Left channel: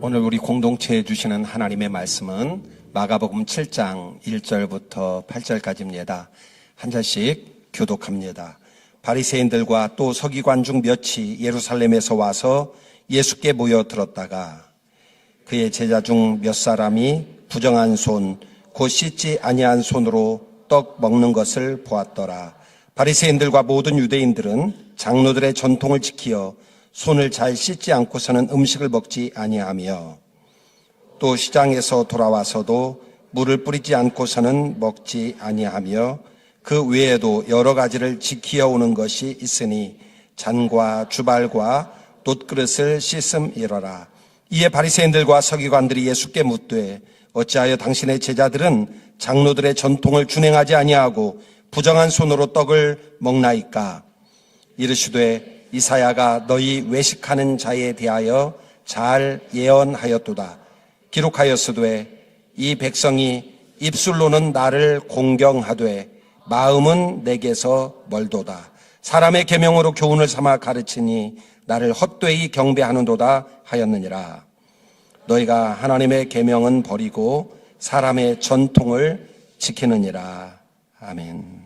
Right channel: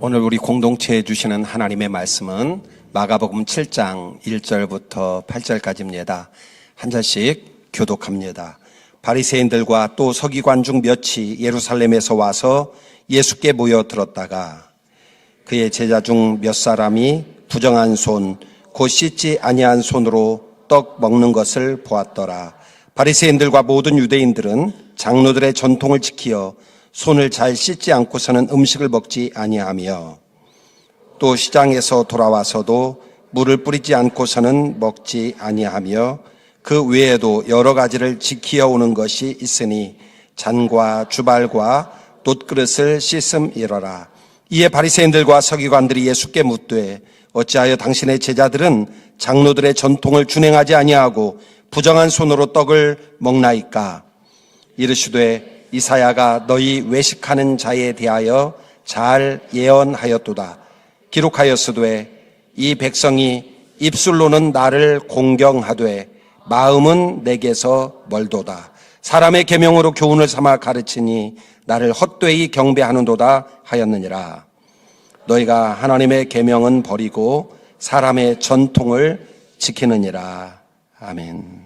오늘 우리 공동체에 주시는 하나님의 말씀은 마가복음 7장 1절부터 8절까지입니다. 한 절씩 교독합니다. 바리새인들과 또 서기관 중 몇이 예루살렘에서 와서 예수께 모여 들었다가 그의 제자 중 몇 사람이 부정한 손, 곧 씻지 아니한 손으로 떡 먹는 것을 보았더라. 바리새인들과 모든 유대인들은 장로들의 전통을 지키어 손을 잘 씻지 않고서는 음식을 먹지 아니하며 또 시장에서 돌아와서도 물을 뿌리지 않고서는 먹지 아니하며 그 외에도 여러 가지를 지키어 오는 것이 있으니 잔과 주발과 놋그릇을 씻음이러라. 이에 바리새인들과 서기관들이 예수께 묻되 어찌하여 당신의 제자들은 장로들의 전통을 준행하지 아니하고 부정한 손으로 떡을 먹나이까? 이르시되 이사야가 너희 외식하는 자에 대하여 잘 예언하였도다. 기록하였으되 이 백성이 입술로는 나를 공경하되 마음은 내게서 멀도다. 사람의 계명으로 교훈을 삼아 가르치니 나를 헛되이 경배하는도다 하였느니라. 너희가 하나님의 계명은 버리고 사람의 전통을 지키느니라. 아멘.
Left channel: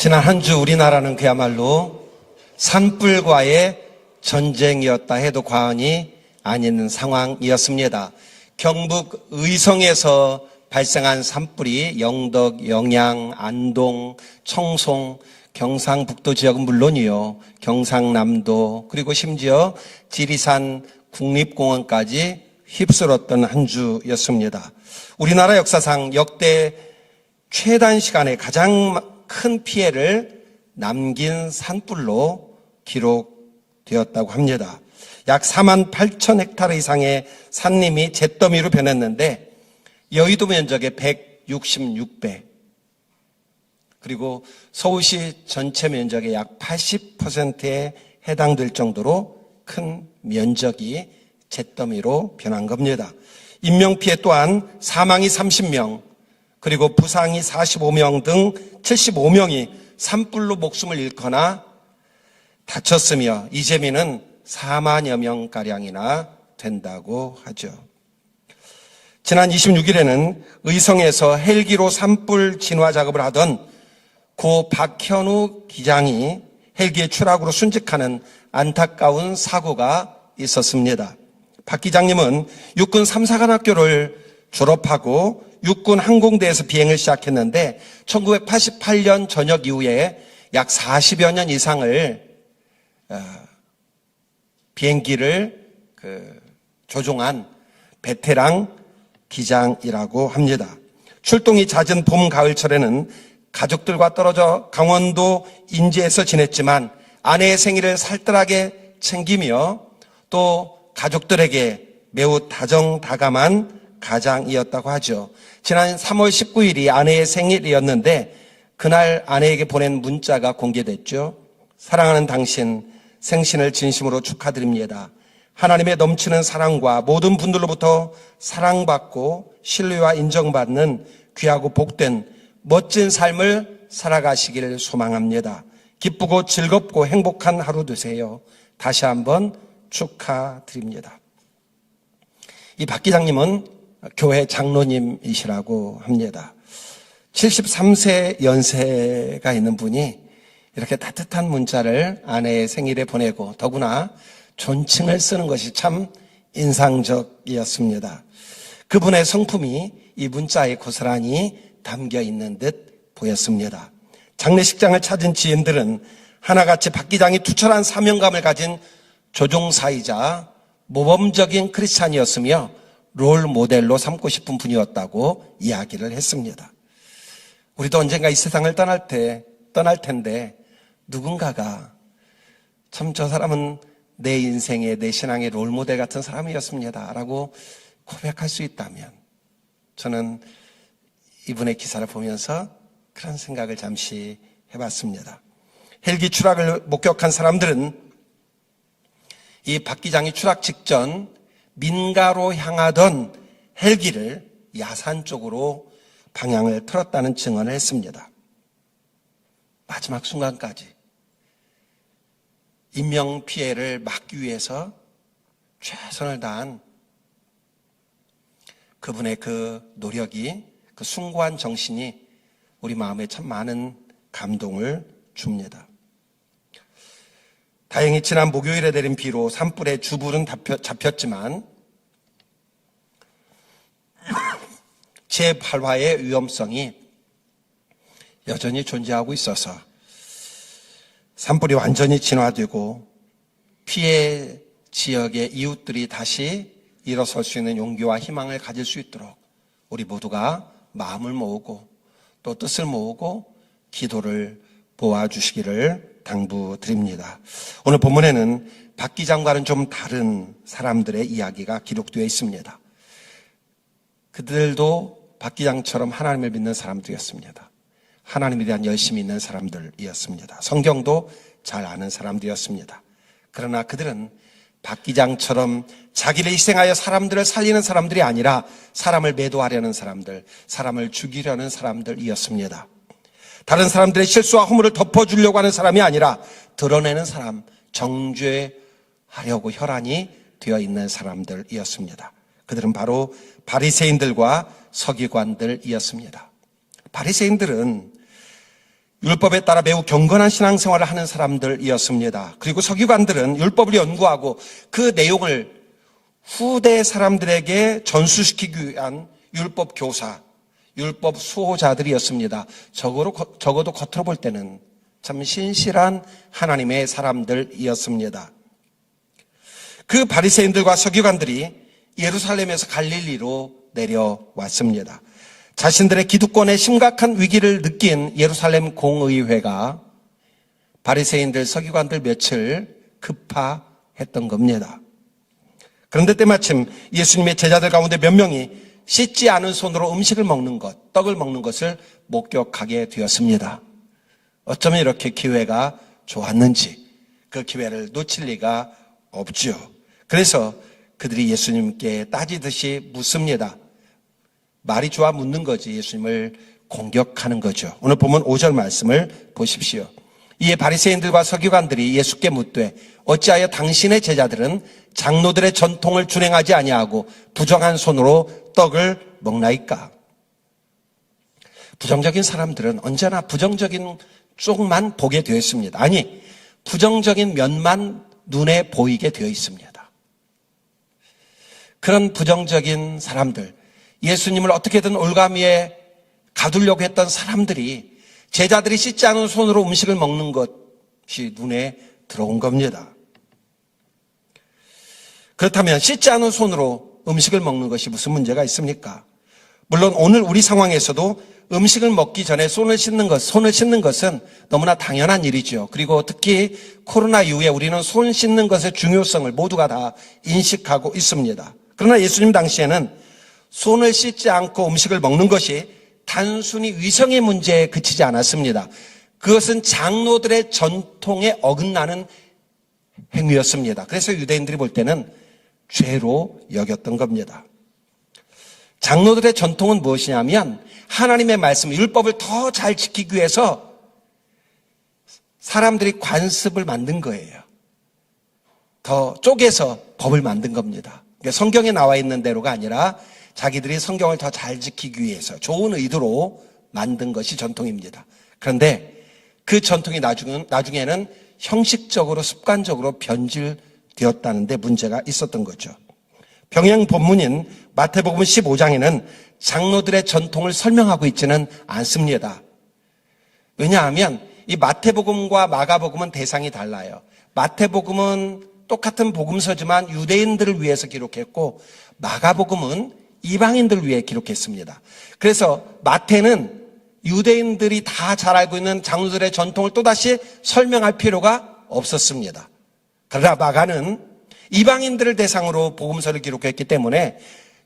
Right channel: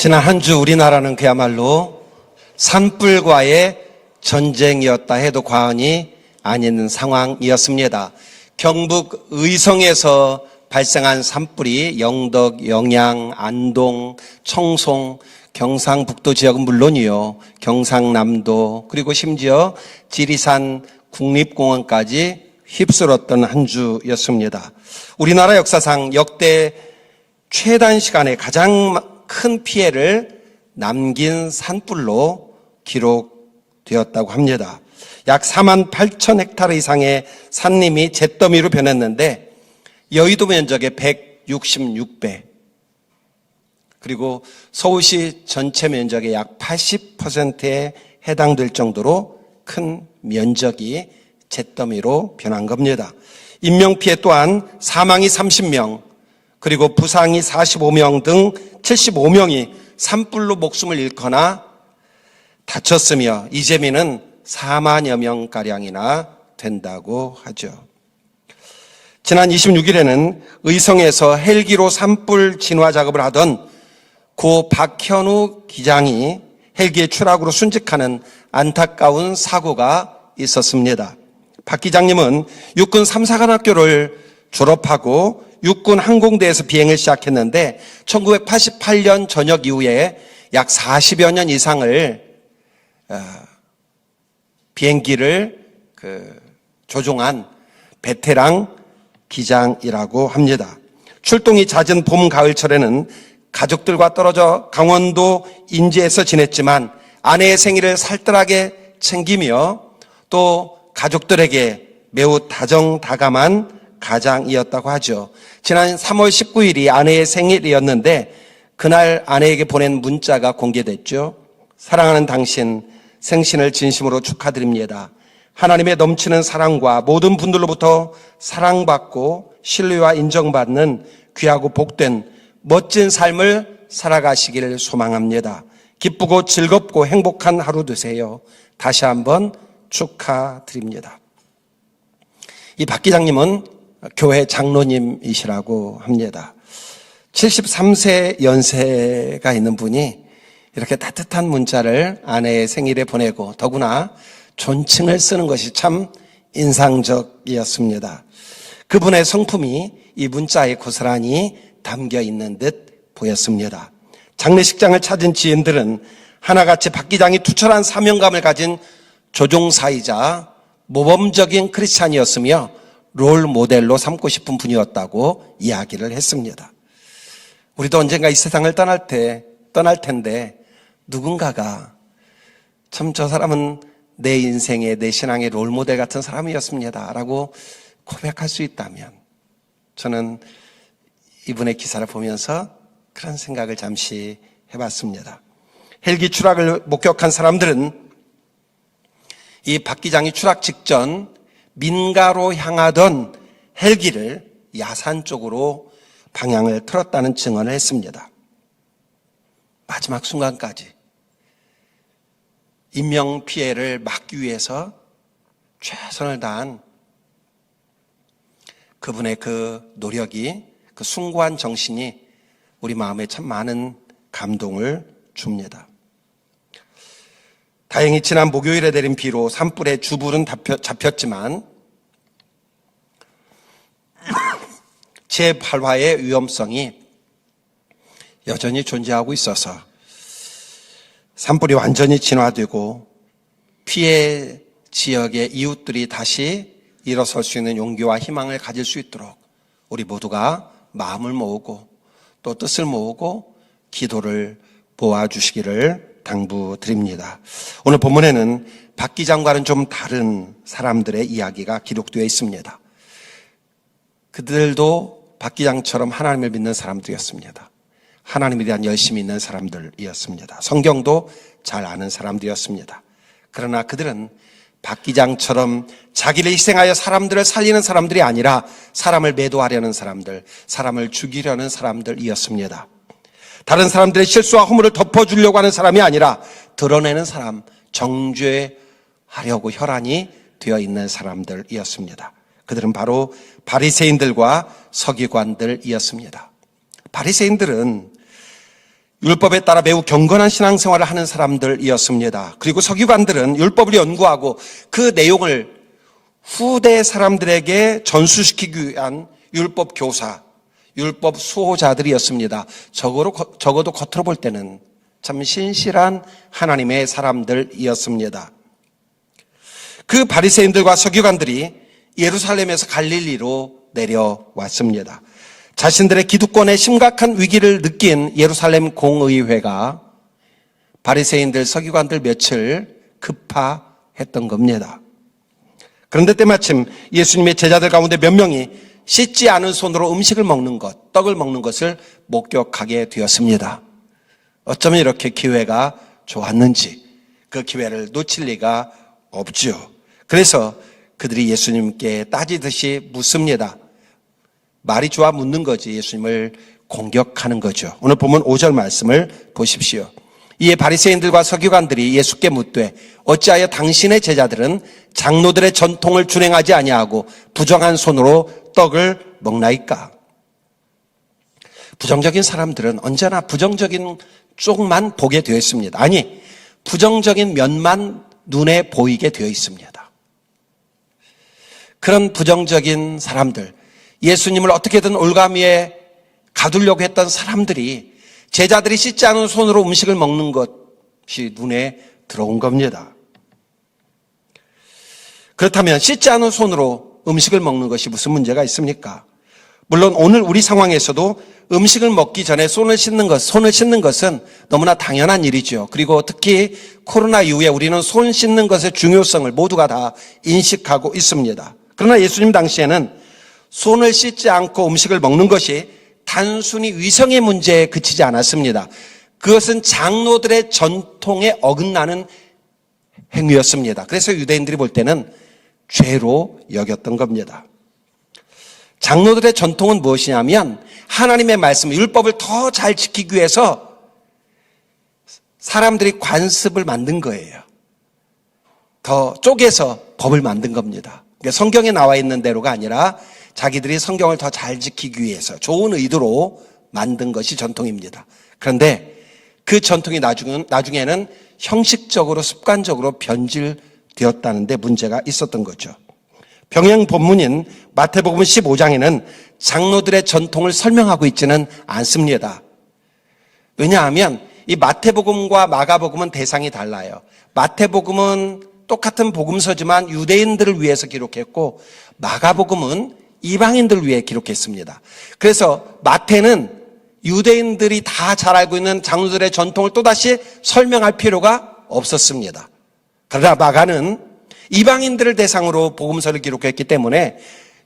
지난 한 주 우리나라는 그야말로 산불과의 전쟁이었다 해도 과언이 아닌 상황이었습니다. 경북 의성에서 발생한 산불이 영덕, 영양, 안동, 청송, 경상북도 지역은 물론이요, 경상남도 그리고 심지어 지리산 국립공원까지 휩쓸었던 한 주였습니다. 우리나라 역사상 역대 최단 시간에 가장 큰 피해를 남긴 산불로 기록되었다고 합니다. 약 4만 8천 헥타르 이상의 산림이 잿더미로 변했는데 여의도 면적의 166배, 그리고 서울시 전체 면적의 약 80%에 해당될 정도로 큰 면적이 잿더미로 변한 겁니다. 인명피해 또한 사망이 30명, 그리고 부상이 45명 등 75명이 산불로 목숨을 잃거나 다쳤으며 이 재미는 4만여 명가량이나 된다고 하죠. 지난 26일에는 의성에서 헬기로 산불 진화 작업을 하던 고 박현우 기장이 헬기의 추락으로 순직하는 안타까운 사고가 있었습니다. 박 기장님은 육군 3사관학교를 졸업하고 육군 항공대에서 비행을 시작했는데 1988년 전역 이후에 약 40여 년 이상을 비행기를 조종한 베테랑 기장이라고 합니다. 출동이 잦은 봄, 가을철에는 가족들과 떨어져 강원도 인제에서 지냈지만 아내의 생일을 살뜰하게 챙기며 또 가족들에게 매우 다정다감한 가장이었다고 하죠. 지난 3월 19일이 아내의 생일이었는데 그날 아내에게 보낸 문자가 공개됐죠. 사랑하는 당신, 생신을 진심으로 축하드립니다. 하나님의 넘치는 사랑과 모든 분들로부터 사랑받고 신뢰와 인정받는 귀하고 복된 멋진 삶을 살아가시기를 소망합니다. 기쁘고 즐겁고 행복한 하루 되세요. 다시 한번 축하드립니다. 이 박 기장님은 교회 장로님이시라고 합니다. 73세 연세가 있는 분이 이렇게 따뜻한 문자를 아내의 생일에 보내고 더구나 존칭을 쓰는 것이 참 인상적이었습니다. 그분의 성품이 이 문자에 고스란히 담겨 있는 듯 보였습니다. 장례식장을 찾은 지인들은 하나같이 박 기장이 투철한 사명감을 가진 조종사이자 모범적인 크리스찬이었으며 롤 모델로 삼고 싶은 분이었다고 이야기를 했습니다. 우리도 언젠가 이 세상을 떠날 텐데 누군가가 참 저 사람은 내 인생의, 내 신앙의 롤 모델 같은 사람이었습니다 라고 고백할 수 있다면 저는 이분의 기사를 보면서 그런 생각을 잠시 해봤습니다. 헬기 추락을 목격한 사람들은 이 박 기장이 추락 직전 민가로 향하던 헬기를 야산 쪽으로 방향을 틀었다는 증언을 했습니다. 마지막 순간까지 인명피해를 막기 위해서 최선을 다한 그분의 그 노력이, 그 숭고한 정신이 우리 마음에 참 많은 감동을 줍니다. 다행히 지난 목요일에 내린 비로 산불의 주불은 잡혔지만 재발화의 위험성이 여전히 존재하고 있어서 산불이 완전히 진화되고 피해 지역의 이웃들이 다시 일어설 수 있는 용기와 희망을 가질 수 있도록 우리 모두가 마음을 모으고 또 뜻을 모으고 기도를 모아주시기를 당부드립니다. 오늘 본문에는 박 기장과는 좀 다른 사람들의 이야기가 기록되어 있습니다. 그들도 박 기장처럼 하나님을 믿는 사람들이었습니다. 하나님에 대한 열심이 있는 사람들이었습니다. 성경도 잘 아는 사람들이었습니다. 그러나 그들은 박 기장처럼 자기를 희생하여 사람들을 살리는 사람들이 아니라 사람을 매도하려는 사람들, 사람을 죽이려는 사람들이었습니다. 다른 사람들의 실수와 허물을 덮어주려고 하는 사람이 아니라 드러내는 사람, 정죄하려고 혈안이 되어 있는 사람들이었습니다. 그들은 바로 바리새인들과 서기관들이었습니다. 바리새인들은 율법에 따라 매우 경건한 신앙생활을 하는 사람들이었습니다. 그리고 서기관들은 율법을 연구하고 그 내용을 후대 사람들에게 전수시키기 위한 율법 교사, 율법 수호자들이었습니다. 적어도 겉으로 볼 때는 참 신실한 하나님의 사람들이었습니다. 그 바리새인들과 서기관들이 예루살렘에서 갈릴리로 내려왔습니다. 자신들의 기득권에 심각한 위기를 느낀 예루살렘 공의회가 바리새인들, 서기관들 며칠 급파했던 겁니다. 그런데 때마침 예수님의 제자들 가운데 몇 명이 씻지 않은 손으로 음식을 먹는 것, 떡을 먹는 것을 목격하게 되었습니다. 어쩌면 이렇게 기회가 좋았는지 그 기회를 놓칠 리가 없죠. 그래서 그들이 예수님께 따지듯이 묻습니다. 말이 좋아 묻는 거지 예수님을 공격하는 거죠. 오늘 보면 5절 말씀을 보십시오. 이에 바리새인들과 서기관들이 예수께 묻되 어찌하여 당신의 제자들은 장로들의 전통을 준행하지 아니하고 부정한 손으로 떡을 먹나이까? 부정적인 사람들은 언제나 부정적인 쪽만 보게 되어 있습니다. 아니, 부정적인 면만 눈에 보이게 되어 있습니다. 그런 부정적인 사람들, 예수님을 어떻게든 올가미에 가두려고 했던 사람들이 제자들이 씻지 않은 손으로 음식을 먹는 것이 눈에 들어온 겁니다. 그렇다면 씻지 않은 손으로 음식을 먹는 것이 무슨 문제가 있습니까? 물론 오늘 우리 상황에서도 음식을 먹기 전에 손을 씻는 것은 너무나 당연한 일이죠. 그리고 특히 코로나 이후에 우리는 손 씻는 것의 중요성을 모두가 다 인식하고 있습니다. 그러나 예수님 당시에는 손을 씻지 않고 음식을 먹는 것이 단순히 위생의 문제에 그치지 않았습니다. 그것은 장로들의 전통에 어긋나는 행위였습니다. 그래서 유대인들이 볼 때는 죄로 여겼던 겁니다. 장로들의 전통은 무엇이냐면 하나님의 말씀, 율법을 더 잘 지키기 위해서 사람들이 관습을 만든 거예요. 더 쪼개서 법을 만든 겁니다. 그러니까 성경에 나와 있는 대로가 아니라 자기들이 성경을 더 잘 지키기 위해서 좋은 의도로 만든 것이 전통입니다. 그런데 그 전통이 나중에는 형식적으로 습관적으로 변질되었다는 데 문제가 있었던 거죠. 병행 본문인 마태복음 15장에는 장로들의 전통을 설명하고 있지는 않습니다. 왜냐하면 이 마태복음과 마가복음은 대상이 달라요. 마태복음은 똑같은 복음서지만 유대인들을 위해서 기록했고 마가복음은 이방인들을 위해 기록했습니다. 그래서 마태는 유대인들이 다 잘 알고 있는 장로들의 전통을 또다시 설명할 필요가 없었습니다. 그러나 마가는 이방인들을 대상으로 복음서를 기록했기 때문에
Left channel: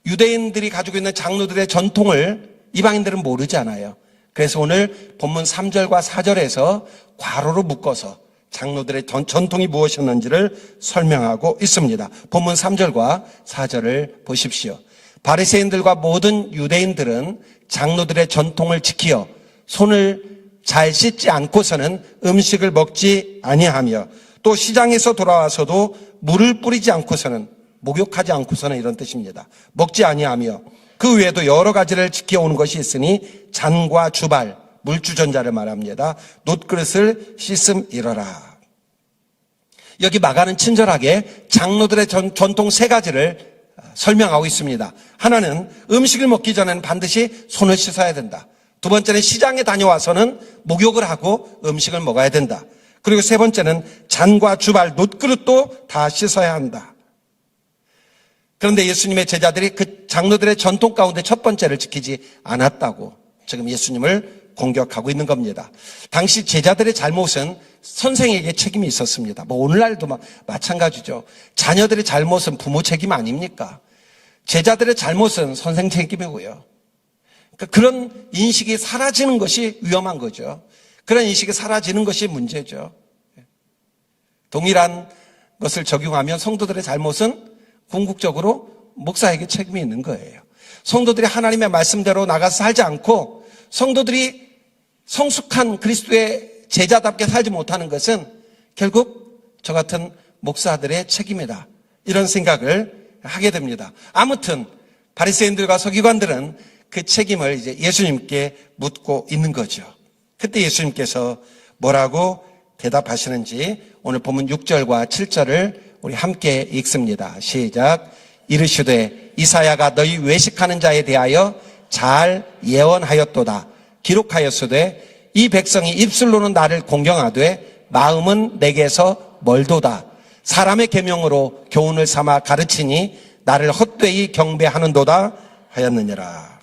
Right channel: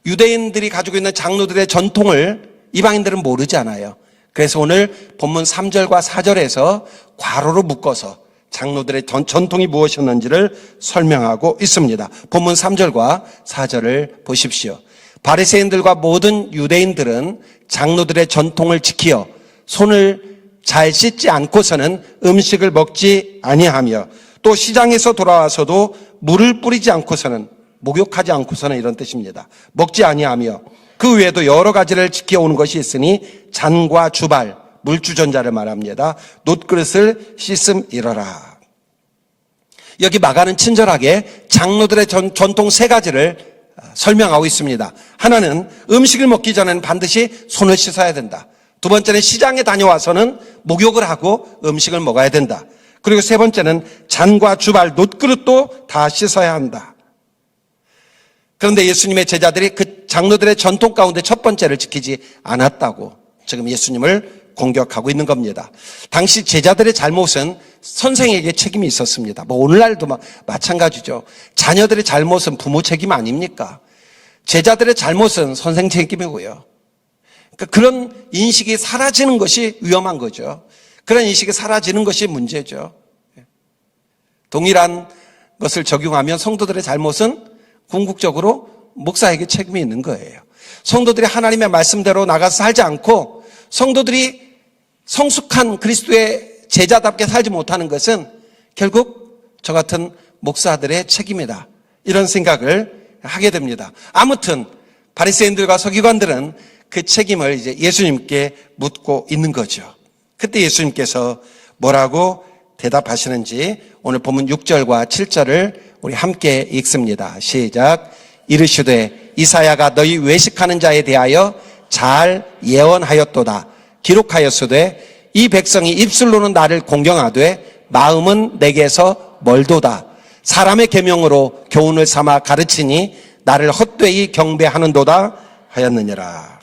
유대인들이 가지고 있는 장로들의 전통을 이방인들은 모르지 않아요. 그래서 오늘 본문 3절과 4절에서 괄호로 묶어서 장로들의 전통이 무엇이었는지를 설명하고 있습니다. 본문 3절과 4절을 보십시오. 바리새인들과 모든 유대인들은 장로들의 전통을 지키어 손을 잘 씻지 않고서는 음식을 먹지 아니하며 또 시장에서 돌아와서도 물을 뿌리지 않고서는, 목욕하지 않고서는 이런 뜻입니다. 먹지 아니하며 그 외에도 여러 가지를 지켜오는 것이 있으니 잔과 주발, 물주전자를 말합니다. 놋그릇을 씻음이러라. 여기 마가는 친절하게 장로들의 전통 세 가지를 설명하고 있습니다. 하나는 음식을 먹기 전에는 반드시 손을 씻어야 된다. 두 번째는 시장에 다녀와서는 목욕을 하고 음식을 먹어야 된다. 그리고 세 번째는 잔과 주발, 놋그릇도 다 씻어야 한다. 그런데 예수님의 제자들이 그 장로들의 전통 가운데 첫 번째를 지키지 않았다고 지금 예수님을 공격하고 있는 겁니다. 당시 제자들의 잘못은 선생에게 책임이 있었습니다. 오늘날도 마찬가지죠. 자녀들의 잘못은 부모 책임 아닙니까? 제자들의 잘못은 선생 책임이고요. 그러니까 그런 인식이 사라지는 것이 위험한 거죠. 그런 인식이 사라지는 것이 문제죠. 동일한 것을 적용하면 성도들의 잘못은 궁극적으로 목사에게 책임이 있는 거예요. 성도들이 하나님의 말씀대로 나가서 살지 않고 성도들이 성숙한 그리스도의 제자답게 살지 못하는 것은 결국 저 같은 목사들의 책임이다. 이런 생각을 하게 됩니다. 아무튼 바리새인들과 서기관들은 그 책임을 이제 예수님께 묻고 있는 거죠. 그때 예수님께서 뭐라고 대답하시는지 오늘 본문 6절과 7절을 우리 함께 읽습니다. 시작. 이르시되 이사야가 너희 외식하는 자에 대하여 잘 예언하였도다. 기록하였으되 이 백성이 입술로는 나를 공경하되 마음은 내게서 멀도다. 사람의 계명으로 교훈을 삼아 가르치니 나를 헛되이 경배하는도다 하였느니라.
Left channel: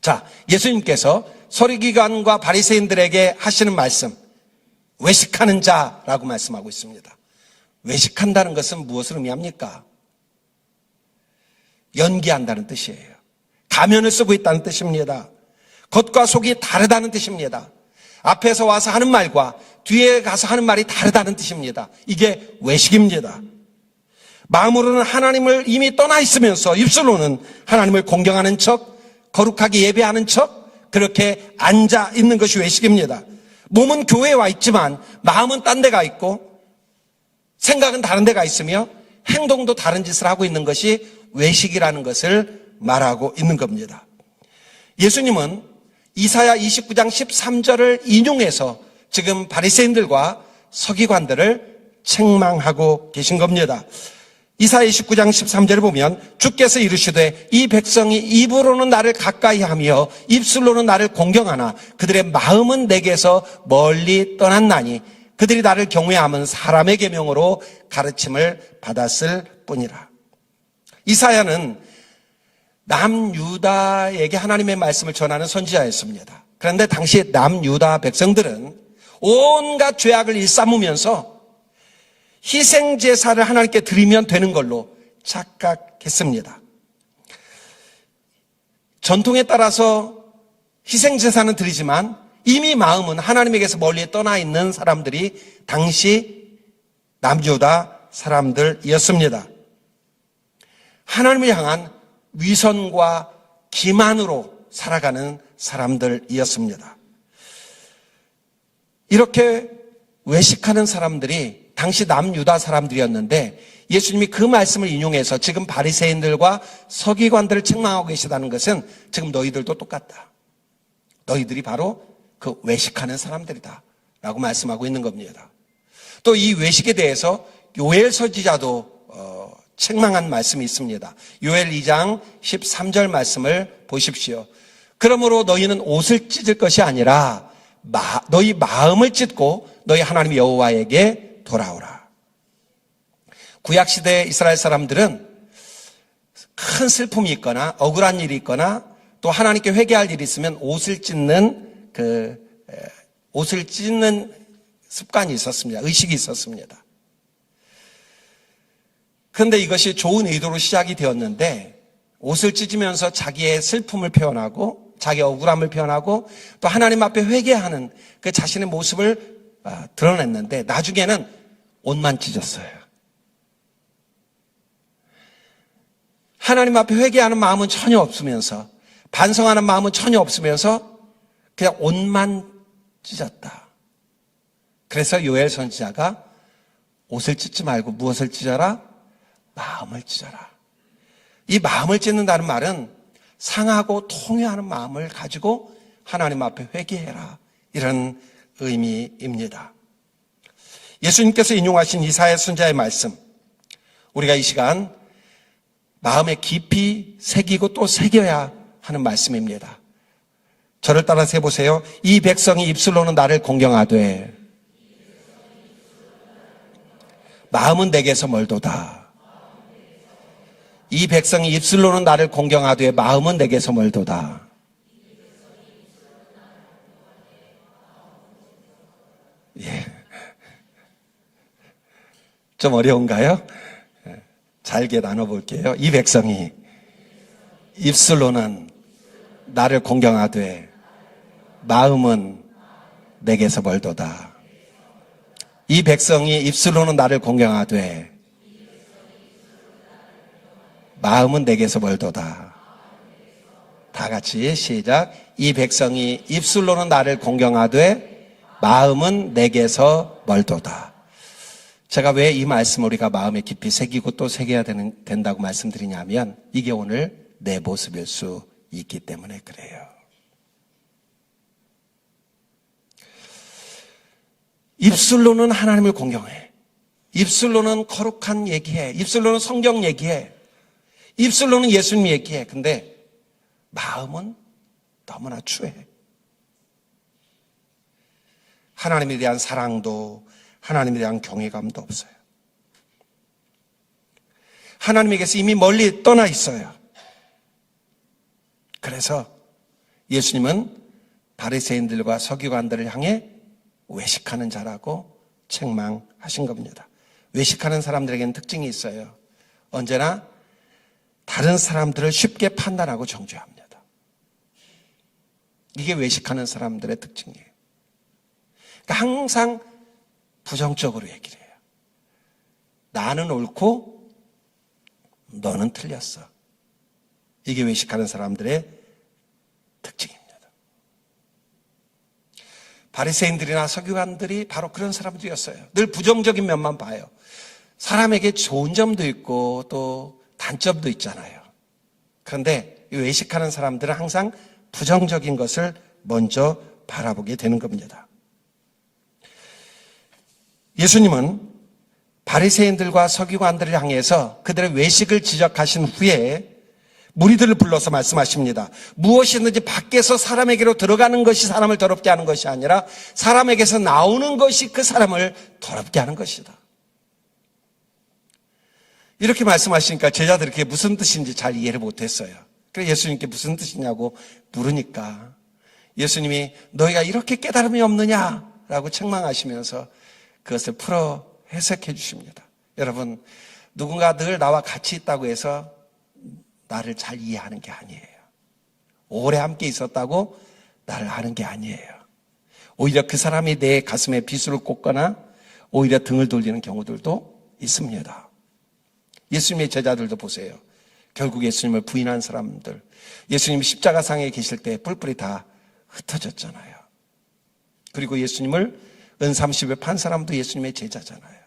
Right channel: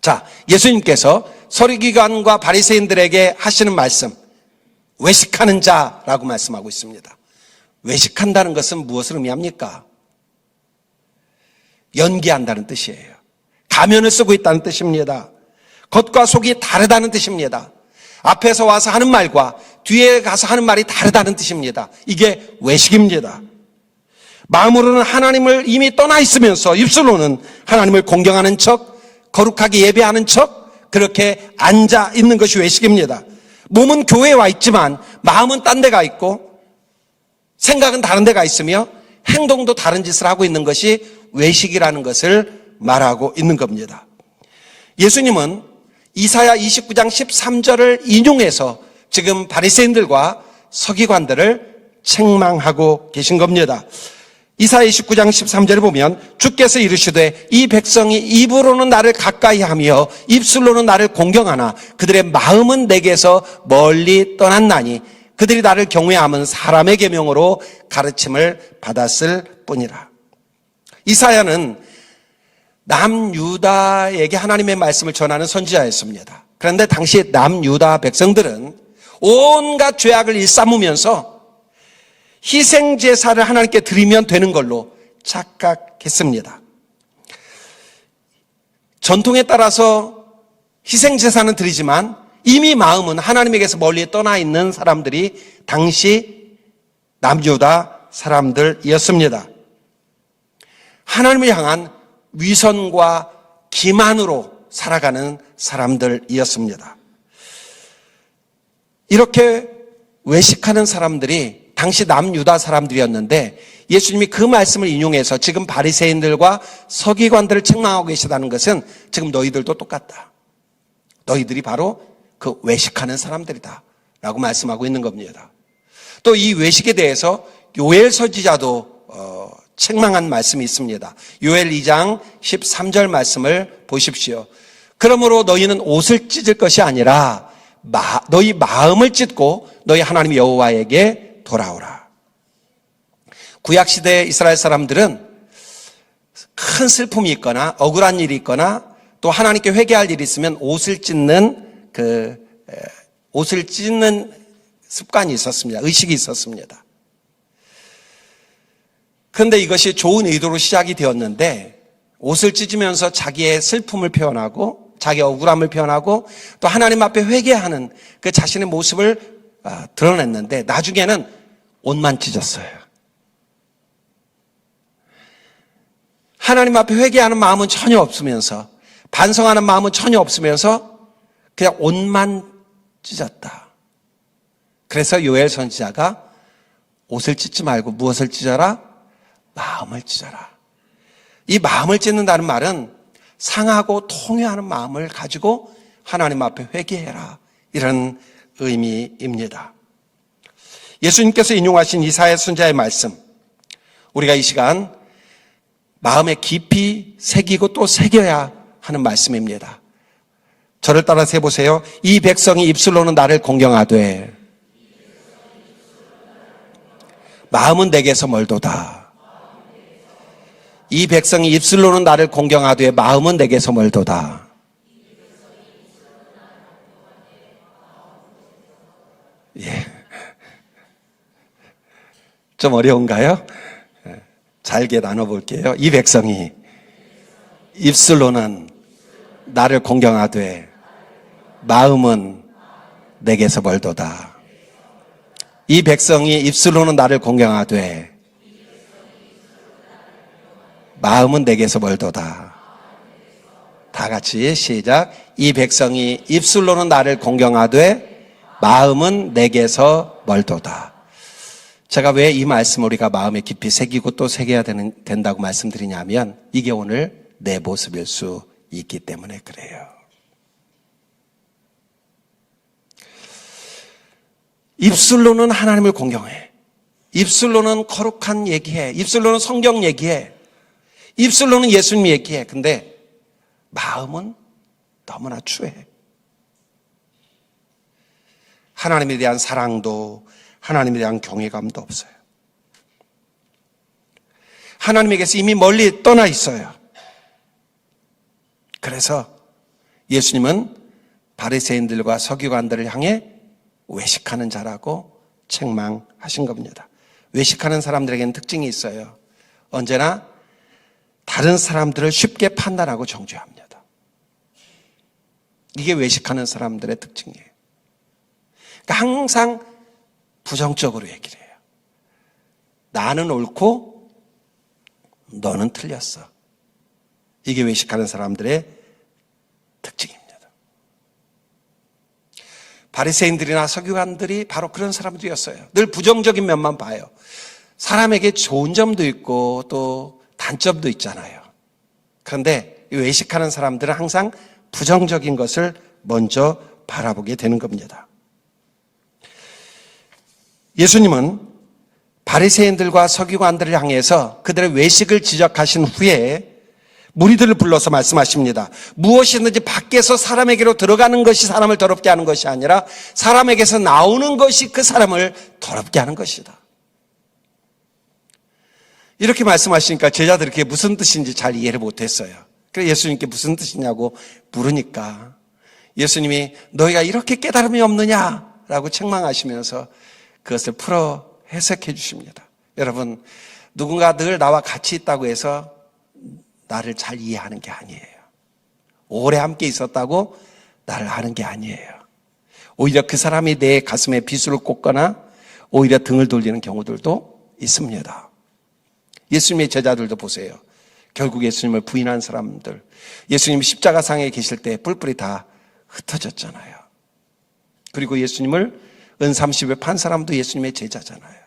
자, 예수님께서 서기관과 바리새인들에게 하시는 말씀, 외식하는 자라고 말씀하고 있습니다. 외식한다는 것은 무엇을 의미합니까? 연기한다는 뜻이에요. 가면을 쓰고 있다는 뜻입니다. 겉과 속이 다르다는 뜻입니다. 앞에서 와서 하는 말과 뒤에 가서 하는 말이 다르다는 뜻입니다. 이게 외식입니다. 마음으로는 하나님을 이미 떠나 있으면서 입술로는 하나님을 공경하는 척, 거룩하게 예배하는 척, 그렇게 앉아 있는 것이 외식입니다. 몸은 교회에 와 있지만 마음은 딴 데가 있고 생각은 다른 데가 있으며 행동도 다른 짓을 하고 있는 것이 외식이라는 것을 말하고 있는 겁니다. 예수님은 이사야 29장 13절을 인용해서 지금 바리새인들과 서기관들을 책망하고 계신 겁니다. 이사야 29장 13절을 보면 주께서 이르시되 이 백성이 입으로는 나를 가까이 하며 입술로는 나를 공경하나 그들의 마음은 내게서 멀리 떠났나니 그들이 나를 경외함은 사람의 계명으로 가르침을 받았을 뿐이라. 이사야는 남유다에게 하나님의 말씀을 전하는 선지자였습니다. 그런데 당시 남유다 백성들은 온갖 죄악을 일삼으면서 희생제사를 하나님께 드리면 되는 걸로 착각했습니다. 전통에 따라서 희생제사는 드리지만 이미 마음은 하나님에게서 멀리 떠나 있는 사람들이 당시 남유다 사람들이었습니다. 하나님을 향한 위선과 기만으로 살아가는 사람들이었습니다. 이렇게 외식하는 사람들이 당시 남유다 사람들이었는데 예수님이 그 말씀을 인용해서 지금 바리새인들과 서기관들을 책망하고 계시다는 것은 지금 너희들도 똑같다. 너희들이 바로 그 외식하는 사람들이다 라고 말씀하고 있는 겁니다. 또 이 외식에 대해서 요엘 선지자도 책망한 말씀이 있습니다. 요엘 2장 13절 말씀을 보십시오. 그러므로 너희는 옷을 찢을 것이 아니라 너희 마음을 찢고 너희 하나님 여호와에게 돌아오라. 구약시대 이스라엘 사람들은 큰 슬픔이 있거나 억울한 일이 있거나 또 하나님께 회개할 일이 있으면 옷을 찢는 습관이 있었습니다. 의식이 있었습니다. 그런데 이것이 좋은 의도로 시작이 되었는데 옷을 찢으면서 자기의 슬픔을 표현하고 자기의 억울함을 표현하고 또 하나님 앞에 회개하는 그 자신의 모습을 드러냈는데 나중에는 옷만 찢었어요. 하나님 앞에 회개하는 마음은 전혀 없으면서 반성하는 마음은 전혀 없으면서 그냥 옷만 찢었다. 그래서 요엘 선지자가 옷을 찢지 말고 무엇을 찢어라? 마음을 찢어라. 이 마음을 찢는다는 말은 상하고 통회하는 마음을 가지고 하나님 앞에 회개해라. 이런 의미입니다. 예수님께서 인용하신 이사야 선지자의 말씀, 우리가 이 시간 마음에 깊이 새기고 또 새겨야 하는 말씀입니다. 저를 따라서 해보세요. 이 백성이 입술로는 나를 공경하되 마음은 내게서 멀도다. 이 백성이 입술로는 나를 공경하되 마음은 내게서 멀도다. 예. 좀 어려운가요? 잘게 나눠볼게요. 이 백성이 입술로는 나를 공경하되 마음은 내게서 멀도다. 이 백성이 입술로는 나를 공경하되 마음은 내게서 멀도다. 다 같이 시작. 이 백성이 입술로는 나를 공경하되 마음은 내게서 멀도다. 제가 왜 이 말씀을 우리가 마음에 깊이 새기고 또 새겨야 된다고 말씀드리냐면 이게 오늘 내 모습일 수 있기 때문에 그래요. 입술로는 하나님을 공경해. 입술로는 거룩한 얘기해. 입술로는 성경 얘기해. 입술로는 예수님 얘기해. 근데 마음은 너무나 추해. 하나님에 대한 사랑도 하나님에 대한 경외감도 없어요. 하나님에게서 이미 멀리 떠나 있어요. 그래서 예수님은 바리새인들과 서기관들을 향해 외식하는 자라고 책망하신 겁니다. 외식하는 사람들에게는 특징이 있어요. 언제나 다른 사람들을 쉽게 판단하고 정죄합니다. 이게 외식하는 사람들의 특징이에요. 그러니까 항상 부정적으로 얘기를 해요. 나는 옳고 너는 틀렸어. 이게 외식하는 사람들의 특징입니다. 바리새인들이나 서기관들이 바로 그런 사람들이었어요. 늘 부정적인 면만 봐요. 사람에게 좋은 점도 있고 또 단점도 있잖아요. 그런데 외식하는 사람들은 항상 부정적인 것을 먼저 바라보게 되는 겁니다. 예수님은 바리새인들과 서기관들을 향해서 그들의 외식을 지적하신 후에 무리들을 불러서 말씀하십니다. 무엇이든지 밖에서 사람에게로 들어가는 것이 사람을 더럽게 하는 것이 아니라 사람에게서 나오는 것이 그 사람을 더럽게 하는 것이다. 이렇게 말씀하시니까 제자들이 그게 무슨 뜻인지 잘 이해를 못했어요. 그래서 예수님께 무슨 뜻이냐고 물으니까 예수님이 너희가 이렇게 깨달음이 없느냐라고 책망하시면서 그것을 풀어 해석해 주십니다. 여러분, 누군가 늘 나와 같이 있다고 해서 나를 잘 이해하는 게 아니에요. 오래 함께 있었다고 나를 아는 게 아니에요. 오히려 그 사람이 내 가슴에 비수를 꽂거나 오히려 등을 돌리는 경우들도 있습니다. 예수님의 제자들도 보세요. 결국 예수님을 부인한 사람들, 예수님 십자가상에 계실 때 뿔뿔이 다 흩어졌잖아요. 그리고 예수님을 은30에 판 사람도 예수님의 제자잖아요.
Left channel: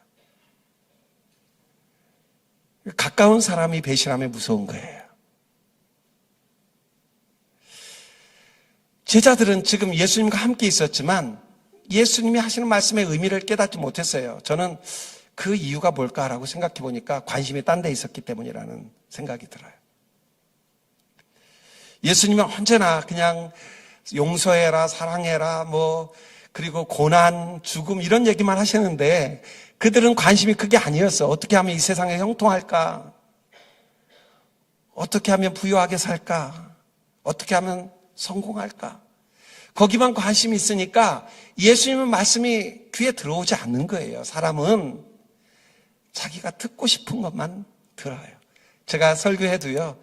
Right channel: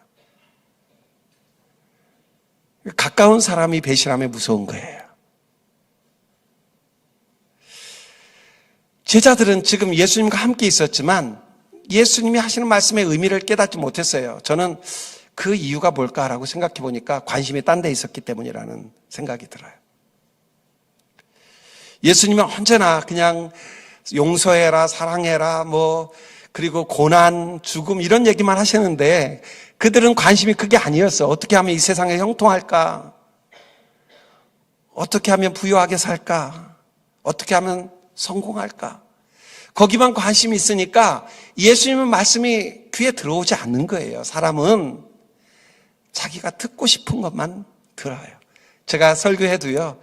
가까운 사람이 배신하면 무서운 거예요. 제자들은 지금 예수님과 함께 있었지만 예수님이 하시는 말씀의 의미를 깨닫지 못했어요. 저는 그 이유가 뭘까라고 생각해 보니까 관심이 딴 데 있었기 때문이라는 생각이 들어요. 예수님은 언제나 그냥 용서해라, 사랑해라, 그리고 고난, 죽음 이런 얘기만 하시는데 그들은 관심이 그게 아니었어. 어떻게 하면 이 세상에 형통할까? 어떻게 하면 부유하게 살까? 어떻게 하면 성공할까? 거기만 관심이 있으니까 예수님의 말씀이 귀에 들어오지 않는 거예요. 사람은 자기가 듣고 싶은 것만 들어요. 제가 설교해도요,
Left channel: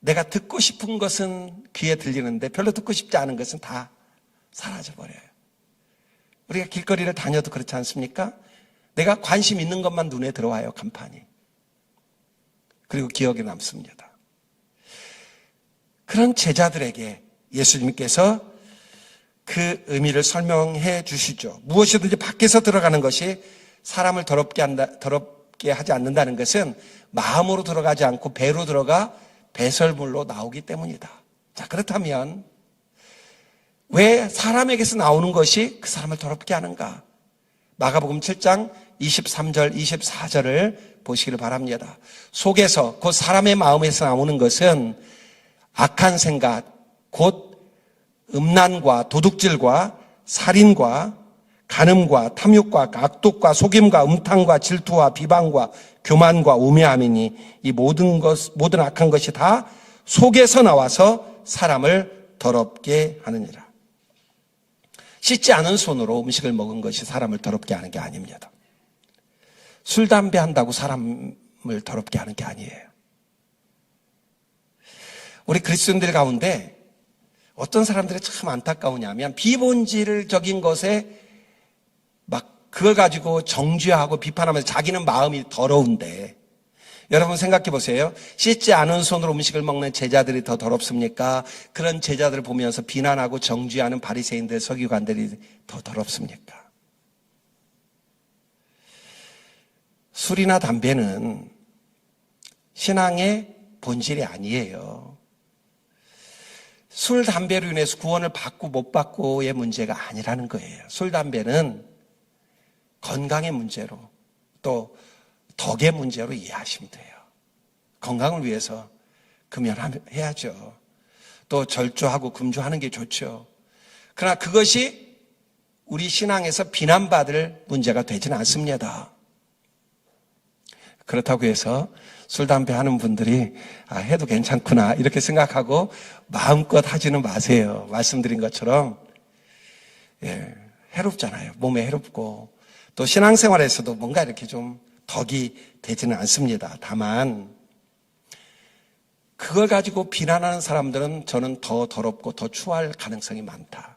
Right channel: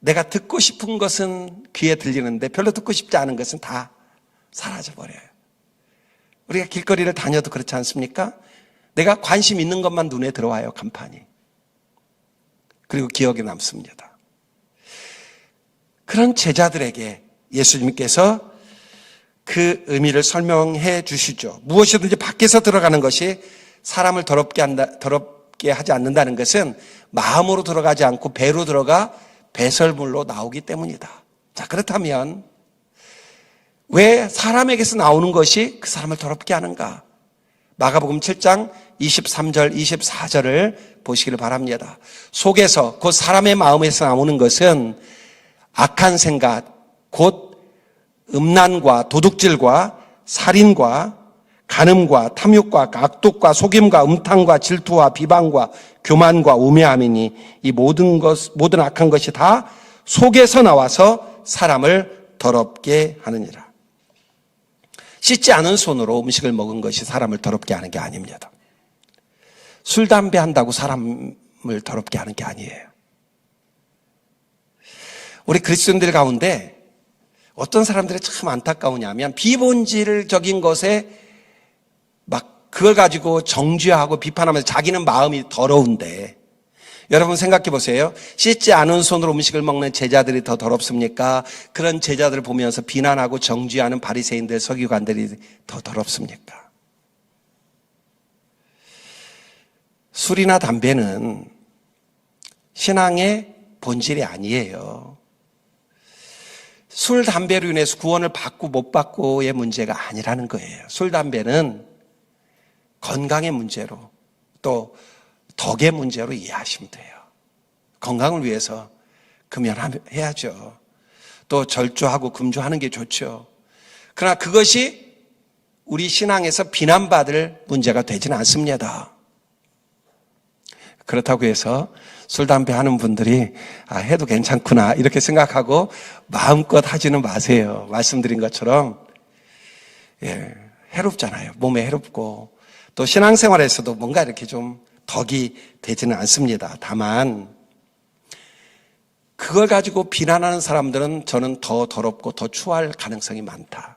내가 듣고 싶은 것은 귀에 들리는데 별로 듣고 싶지 않은 것은 다 사라져버려요. 우리가 길거리를 다녀도 그렇지 않습니까? 내가 관심 있는 것만 눈에 들어와요, 간판이. 그리고 기억에 남습니다. 그런 제자들에게 예수님께서 그 의미를 설명해 주시죠. 무엇이든지 밖에서 들어가는 것이 사람을 더럽게 하지 않는다는 것은 마음으로 들어가지 않고 배로 들어가 배설물로 나오기 때문이다. 자, 그렇다면 왜 사람에게서 나오는 것이 그 사람을 더럽게 하는가? 마가복음 7장 23절, 24절을 보시기를 바랍니다. 속에서, 곧 사람의 마음에서 나오는 것은 악한 생각, 곧 음란과 도둑질과 살인과 간음과 탐욕과 악독과 속임과 음탕과 질투와 비방과 교만과 우매함이니 이 모든 악한 것이 다 속에서 나와서 사람을 더럽게 하느니라. 씻지 않은 손으로 음식을 먹은 것이 사람을 더럽게 하는 게 아닙니다. 술, 담배 한다고 사람을 더럽게 하는 게 아니에요. 우리 그리스도인들 가운데 어떤 사람들이 참 안타까우냐면 비본질적인 것에 막 그걸 가지고 정죄하고 비판하면서 자기는 마음이 더러운데, 여러분 생각해 보세요. 씻지 않은 손으로 음식을 먹는 제자들이 더 더럽습니까? 그런 제자들을 보면서 비난하고 정죄하는 바리새인들, 서기관들이 더 더럽습니까? 술이나 담배는 신앙의 본질이 아니에요. 술, 담배로 인해서 구원을 받고 못 받고의 문제가 아니라는 거예요. 술, 담배는 건강의 문제로 또 덕의 문제로 이해하시면 돼요. 건강을 위해서 금연해야죠. 또 절주하고 금주하는 게 좋죠. 그러나 그것이 우리 신앙에서 비난받을 문제가 되지는 않습니다. 그렇다고 해서 술, 담배 하는 분들이 해도 괜찮구나 이렇게 생각하고 마음껏 하지는 마세요. 말씀드린 것처럼 해롭잖아요. 몸에 해롭고 또 신앙생활에서도 뭔가 이렇게 좀 덕이 되지는 않습니다. 다만 그걸 가지고 비난하는 사람들은 저는 더 더럽고 더 추할 가능성이 많다.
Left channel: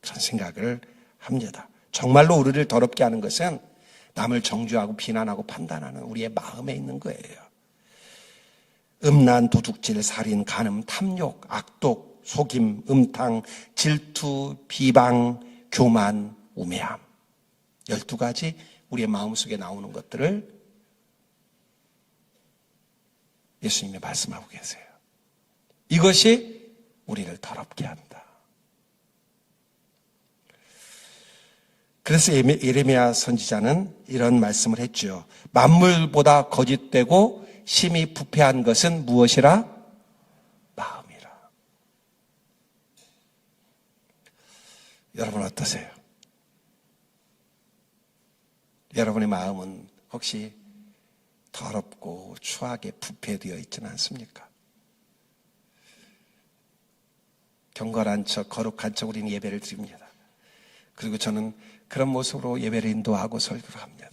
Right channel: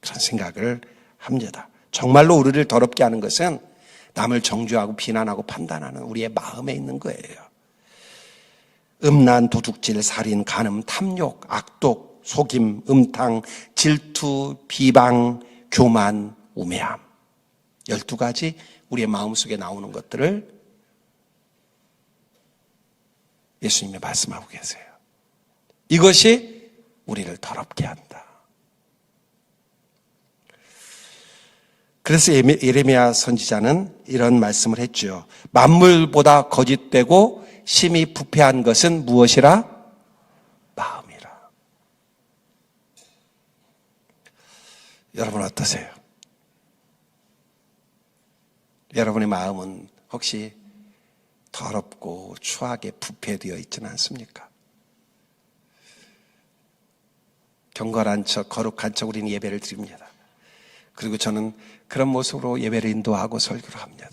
그런 생각을 합니다. 정말로 우리를 더럽게 하는 것은 남을 정죄하고 비난하고 판단하는 우리의 마음에 있는 거예요. 음란, 도둑질, 살인, 간음, 탐욕, 악독, 속임, 음탕, 질투, 비방, 교만, 우매함. 12가지 우리의 마음속에 나오는 것들을 예수님이 말씀하고 계세요. 이것이 우리를 더럽게 한다. 그래서 예레미야 선지자는 이런 말씀을 했죠. 만물보다 거짓되고 심히 부패한 것은 무엇이라? 마음이라. 여러분 어떠세요? 여러분의 마음은 혹시 더럽고 추하게 부패되어 있지는 않습니까? 경건한 척, 거룩한 척 우리는 예배를 드립니다. 그리고 저는 그런 모습으로 예배를 인도하고 설교를 합니다.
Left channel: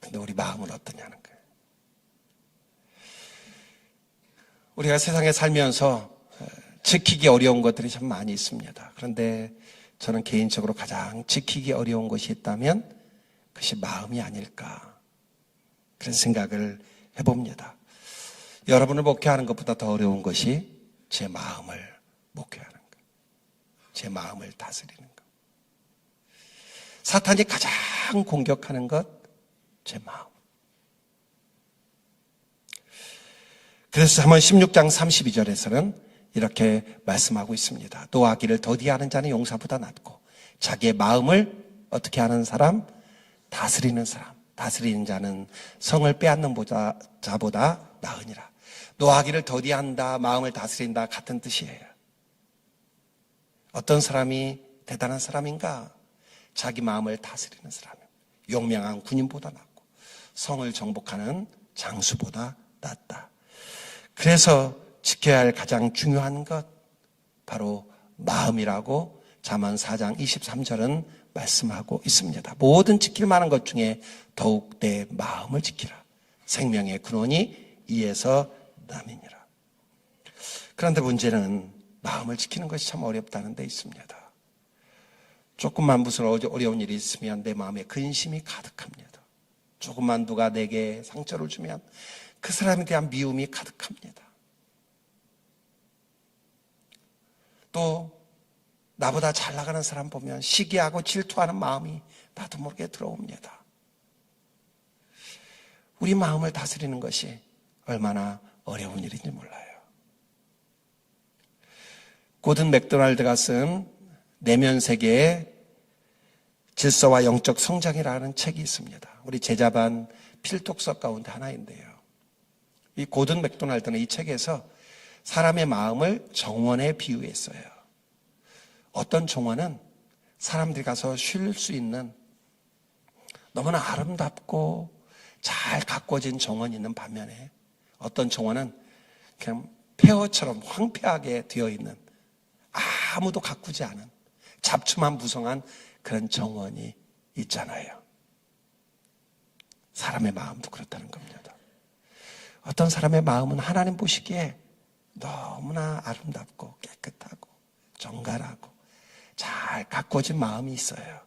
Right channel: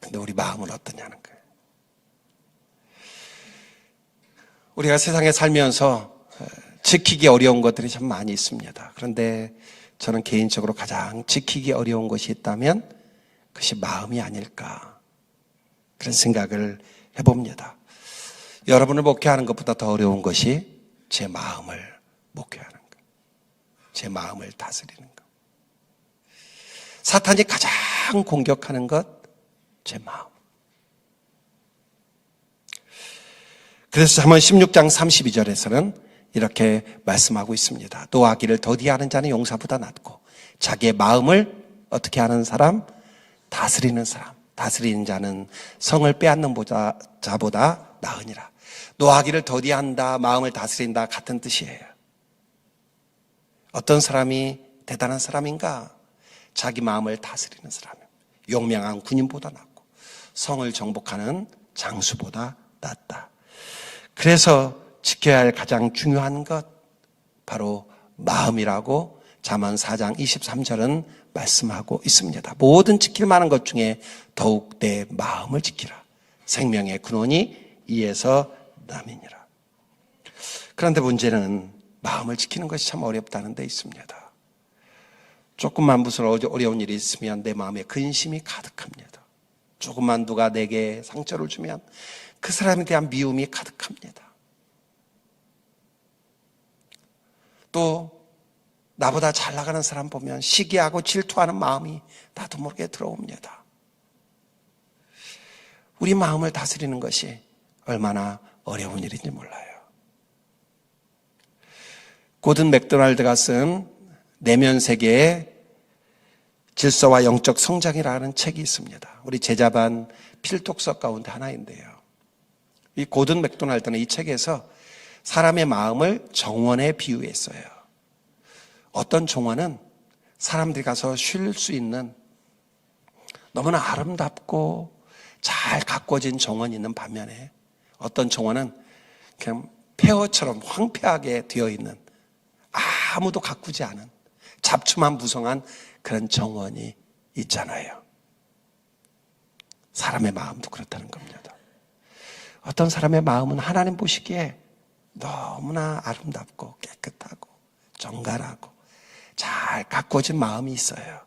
근데 우리 마음은 어떠냐는 거예요. 우리가 세상에 살면서 지키기 어려운 것들이 참 많이 있습니다. 그런데 저는 개인적으로 가장 지키기 어려운 것이 있다면 그것이 마음이 아닐까 그런 생각을 해봅니다. 여러분을 목회하는 것보다 더 어려운 것이 제 마음을 목회하는 것, 제 마음을 다스리는 것. 사탄이 가장 공격하는 것, 제 마음. 그래서 잠언 16장 32절에서는 이렇게 말씀하고 있습니다. 노하기를 더디하는 자는 용사보다 낫고 자기의 마음을 어떻게 하는 사람? 다스리는 사람. 다스리는 자는 성을 빼앗는 자보다 나으니라. 노하기를 더디한다, 마음을 다스린다 같은 뜻이에요. 어떤 사람이 대단한 사람인가? 자기 마음을 다스리는 사람이에요. 용맹한 군인보다 낫고 성을 정복하는 장수보다 낫다. 그래서 지켜야 할 가장 중요한 것 바로 마음이라고 잠언 4장 23절은 말씀하고 있습니다. 모든 지킬 만한 것 중에 더욱 내 마음을 지키라. 생명의 근원이 이에서 남이니라. 그런데 문제는 마음을 지키는 것이 참 어렵다는 데 있습니다. 조금만 무슨 어려운 일이 있으면 내 마음에 근심이 가득합니다. 조금만 누가 내게 상처를 주면 그 사람에 대한 미움이 가득합니다. 또 나보다 잘 나가는 사람 보면 시기하고 질투하는 마음이 나도 모르게 들어옵니다. 우리 마음을 다스리는 것이 얼마나 어려운 일인지 몰라요. 고든 맥도날드가 쓴 내면 세계의 질서와 영적 성장이라는 책이 있습니다. 우리 제자반 필독서 가운데 하나인데요. 이 고든 맥도날드는 이 책에서 사람의 마음을 정원에 비유했어요. 어떤 정원은 사람들이 가서 쉴 수 있는 너무나 아름답고 잘 가꿔진 정원이 있는 반면에 어떤 정원은 그냥 폐허처럼 황폐하게 되어 있는 아무도 가꾸지 않은 잡초만 무성한 그런 정원이 있잖아요. 사람의 마음도 그렇다는 겁니다. 어떤 사람의 마음은 하나님 보시기에 너무나 아름답고 깨끗하고 정갈하고 잘 가꿔진 마음이 있어요.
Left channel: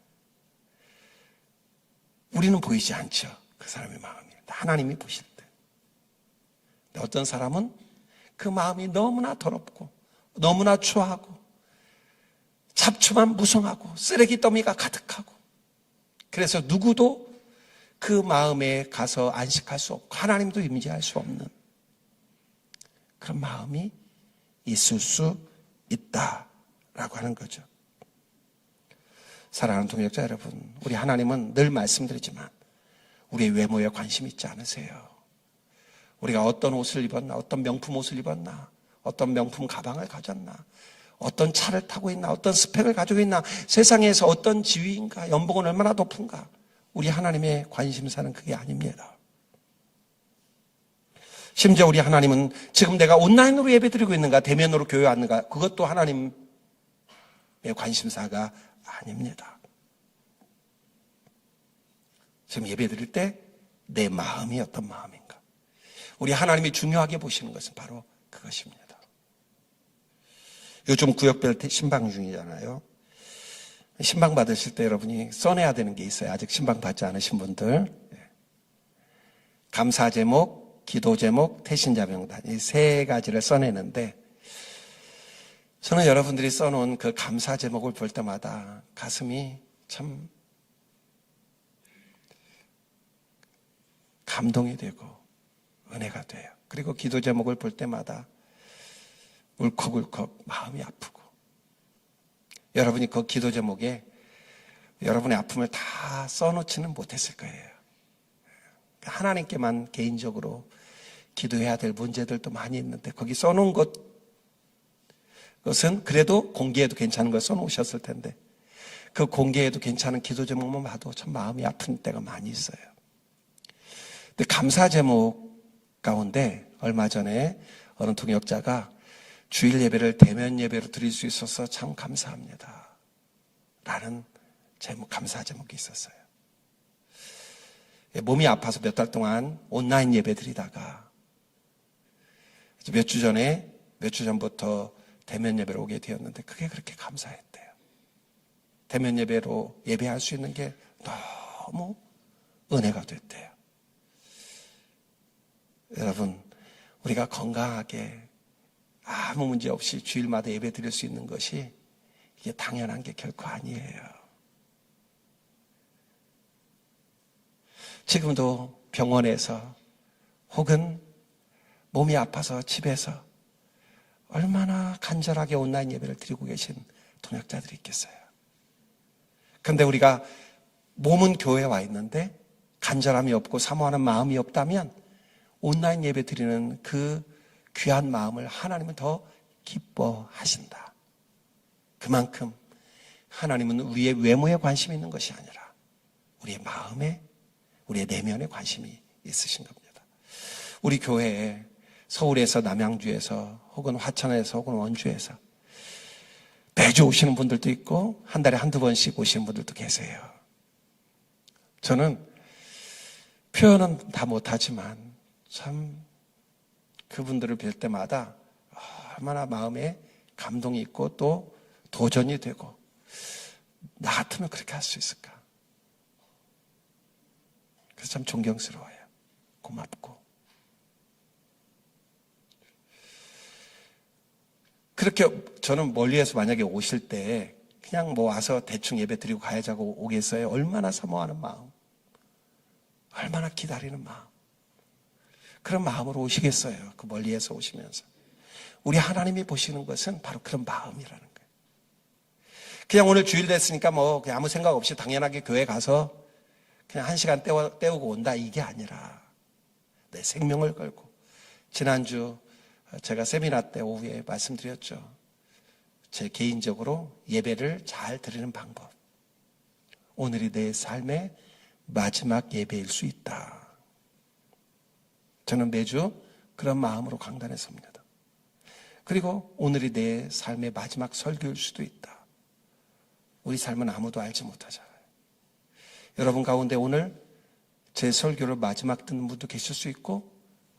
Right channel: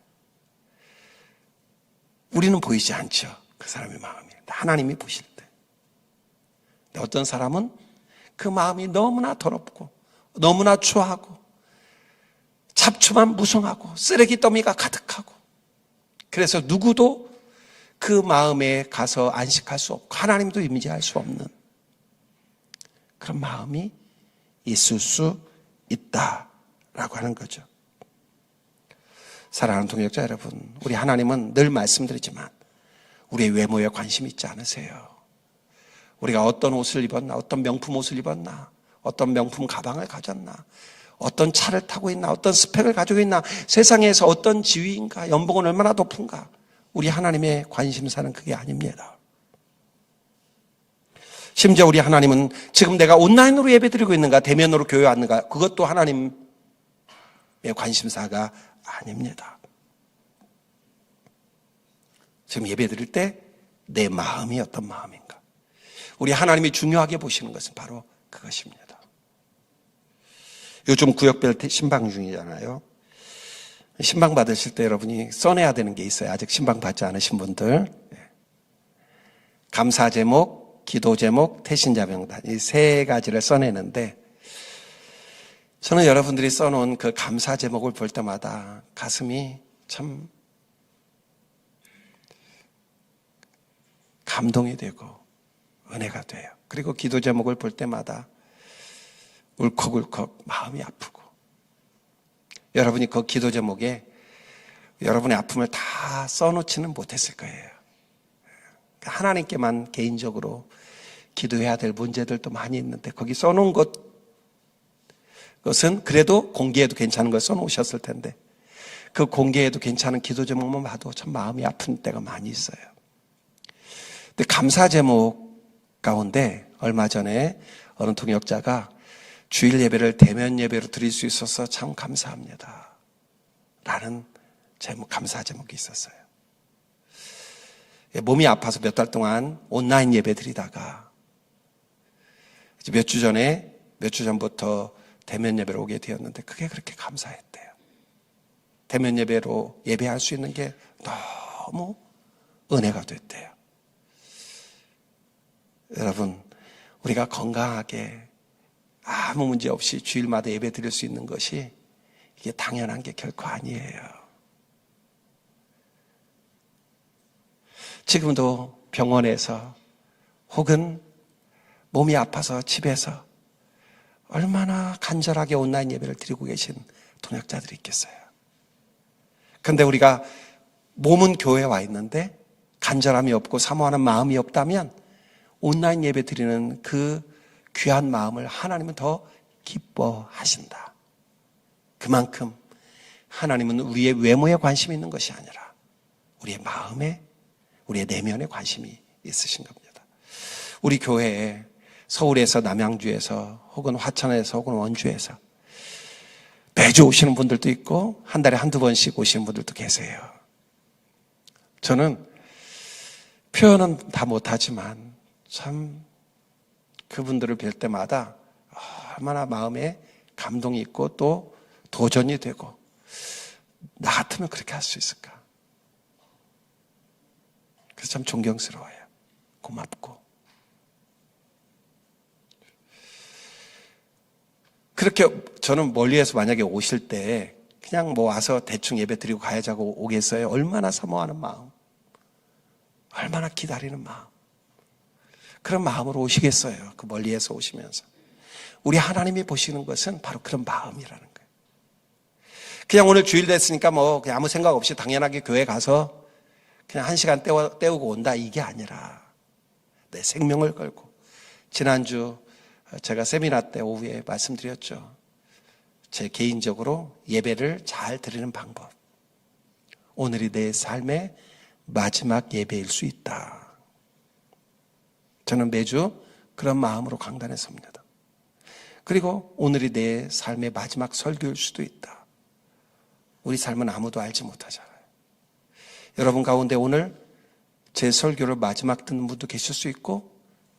우리는 보이지 않죠. 그 사람의 마음이. 하나님이 보실 때. 근데 어떤 사람은 그 마음이 너무나 더럽고 너무나 추하고 잡초만 무성하고 쓰레기 더미가 가득하고 그래서 누구도 그 마음에 가서 안식할 수 없고 하나님도 임재할 수 없는 그런 마음이 있을 수 있다라고 하는 거죠. 사랑하는 동역자 여러분, 우리 하나님은 늘 말씀드리지만 우리의 외모에 관심이 있지 않으세요. 우리가 어떤 옷을 입었나, 어떤 명품 옷을 입었나, 어떤 명품 가방을 가졌나, 어떤 차를 타고 있나, 어떤 스펙을 가지고 있나, 세상에서 어떤 지위인가, 연봉은 얼마나 높은가, 우리 하나님의 관심사는 그게 아닙니다. 심지어 우리 하나님은 지금 내가 온라인으로 예배드리고 있는가, 대면으로 교회 왔는가, 그것도 하나님의 관심사가 아닙니다. 지금 예배드릴 때 내 마음이 어떤 마음인가, 우리 하나님이 중요하게 보시는 것은 바로 그것입니다. 요즘 구역별 신방 중이잖아요. 신방 받으실 때 여러분이 써내야 되는 게 있어요. 아직 신방 받지 않으신 분들. 감사 제목, 기도 제목, 태신자 명단, 이 세 가지를 써내는데, 저는 여러분들이 써놓은 그 감사 제목을 볼 때마다 가슴이 참 감동이 되고 은혜가 돼요. 그리고 기도 제목을 볼 때마다 울컥울컥 마음이 아프고, 여러분이 그 기도 제목에 여러분의 아픔을 다 써놓지는 못했을 거예요. 하나님께만 개인적으로 기도해야 될 문제들도 많이 있는데 거기 써놓은 것은 그래도 공개해도 괜찮은 걸 써놓으셨을 텐데, 그 공개해도 괜찮은 기도 제목만 봐도 참 마음이 아픈 때가 많이 있어요. 근데 감사 제목 가운데 얼마 전에 어느 동역자가 주일 예배를 대면 예배로 드릴 수 있어서 참 감사합니다 라는 감사 제목이 있었어요. 몸이 아파서 몇 달 동안 온라인 예배 드리다가 몇 주 전부터 대면 예배로 오게 되었는데 그게 그렇게 감사했대요. 대면 예배로 예배할 수 있는 게 너무 은혜가 됐대요. 여러분, 우리가 건강하게 아무 문제 없이 주일마다 예배 드릴 수 있는 것이 이게 당연한 게 결코 아니에요. 지금도 병원에서 혹은 몸이 아파서 집에서 얼마나 간절하게 온라인 예배를 드리고 계신 동역자들이 있겠어요. 그런데 우리가 몸은 교회에 와 있는데 간절함이 없고 사모하는 마음이 없다면 온라인 예배 드리는 그 귀한 마음을 하나님은 더 기뻐하신다. 그만큼 하나님은 우리의 외모에 관심이 있는 것이 아니라 우리의 마음에, 우리의 내면에 관심이 있으신 겁니다. 우리 교회에 서울에서, 남양주에서, 혹은 화천에서, 혹은 원주에서 매주 오시는 분들도 있고 한 달에 한두 번씩 오시는 분들도 계세요. 저는 표현은 다 못하지만 참 그분들을 뵐 때마다 얼마나 마음에 감동이 있고 또 도전이 되고, 나 같으면 그렇게 할 수 있을까? 그래서 참 존경스러워요. 고맙고. 그렇게 저는 멀리에서 만약에 오실 때 그냥 뭐 와서 대충 예배 드리고 가야자고 오겠어요? 얼마나 사모하는 마음, 얼마나 기다리는 마음, 그런 마음으로 오시겠어요? 그 멀리에서 오시면서. 우리 하나님이 보시는 것은 바로 그런 마음이라는 거예요. 그냥 오늘 주일 됐으니까 뭐 그냥 아무 생각 없이 당연하게 교회 가서 그냥 1시간 때우고 온다, 이게 아니라 내 생명을 걸고. 지난주 제가 세미나 때 오후에 말씀드렸죠. 제 개인적으로 예배를 잘 드리는 방법. 오늘이 내 삶의 마지막 예배일 수 있다. 저는 매주 그런 마음으로 강단에 섭니다. 그리고 오늘이 내 삶의 마지막 설교일 수도 있다. 우리 삶은 아무도 알지 못하잖아요. 여러분 가운데 오늘 제 설교를 마지막 듣는 분도 계실 수 있고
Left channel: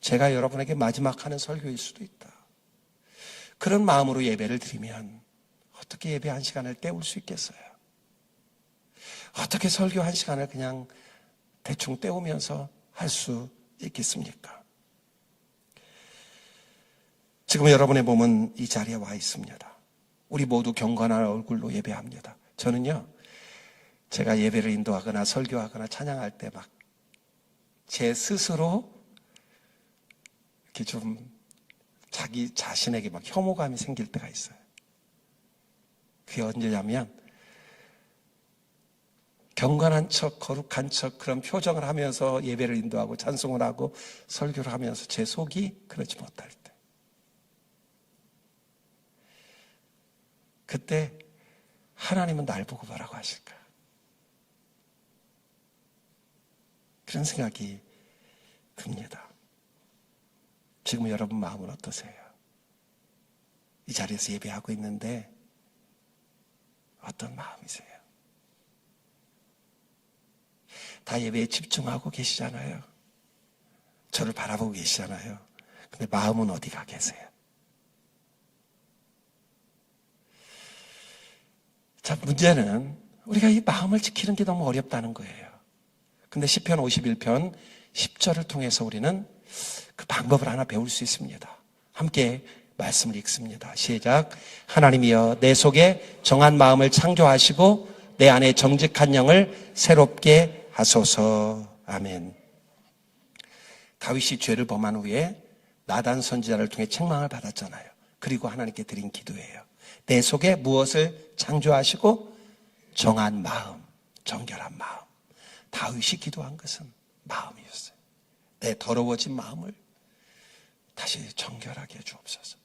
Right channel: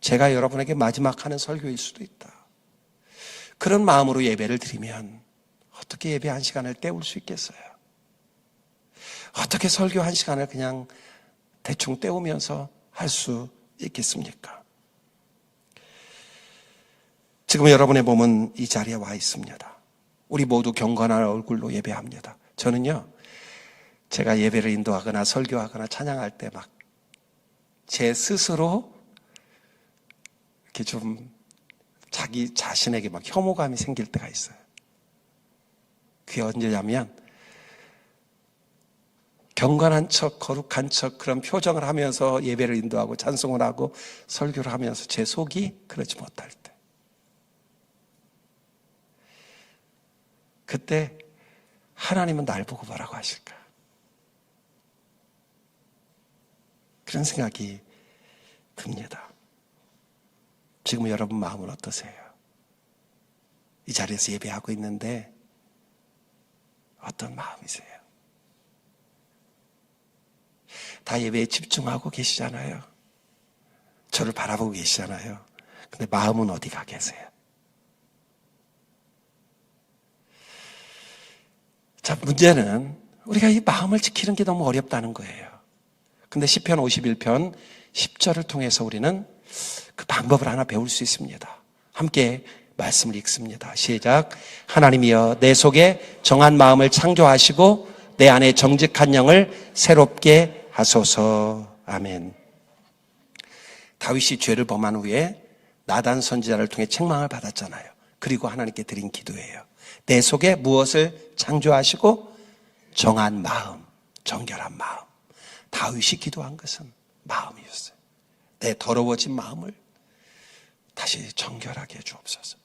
제가 여러분에게 마지막 하는 설교일 수도 있다. 그런 마음으로 예배를 드리면 어떻게 예배 1시간을 때울 수 있겠어요? 어떻게 설교 1시간을 그냥 대충 때우면서 할 수 있겠습니까? 지금 여러분의 몸은 이 자리에 와 있습니다. 우리 모두 경건한 얼굴로 예배합니다. 저는요, 제가 예배를 인도하거나 설교하거나 찬양할 때 막 제 스스로 이렇게 좀 자기 자신에게 막 혐오감이 생길 때가 있어요. 그게 언제냐면 경건한 척, 거룩한 척 그런 표정을 하면서 예배를 인도하고 찬송을 하고 설교를 하면서 제 속이 그러지 못할 때, 그때 하나님은 날 보고 뭐라고 하실까? 그런 생각이 듭니다. 지금 여러분 마음은 어떠세요? 이 자리에서 예배하고 있는데 어떤 마음이세요? 다 예배에 집중하고 계시잖아요. 저를 바라보고 계시잖아요. 근데 마음은 어디 가 계세요? 자, 문제는 우리가 이 마음을 지키는 게 너무 어렵다는 거예요. 근데 시편 51편 10절을 통해서 우리는 그 방법을 하나 배울 수 있습니다. 함께 말씀을 읽습니다. 시작. 하나님이여 내 속에 정한 마음을 창조하시고 내 안에 정직한 영을 새롭게 하소서. 아멘. 다윗이 죄를 범한 후에 나단 선지자를 통해 책망을 받았잖아요. 그리고 하나님께 드린 기도예요. 내 속에 무엇을 창조하시고 정한 마음, 정결한 마음. 다윗이 기도한 것은 마음이었어요. 내 더러워진 마음을 다시 정결하게 해 주옵소서.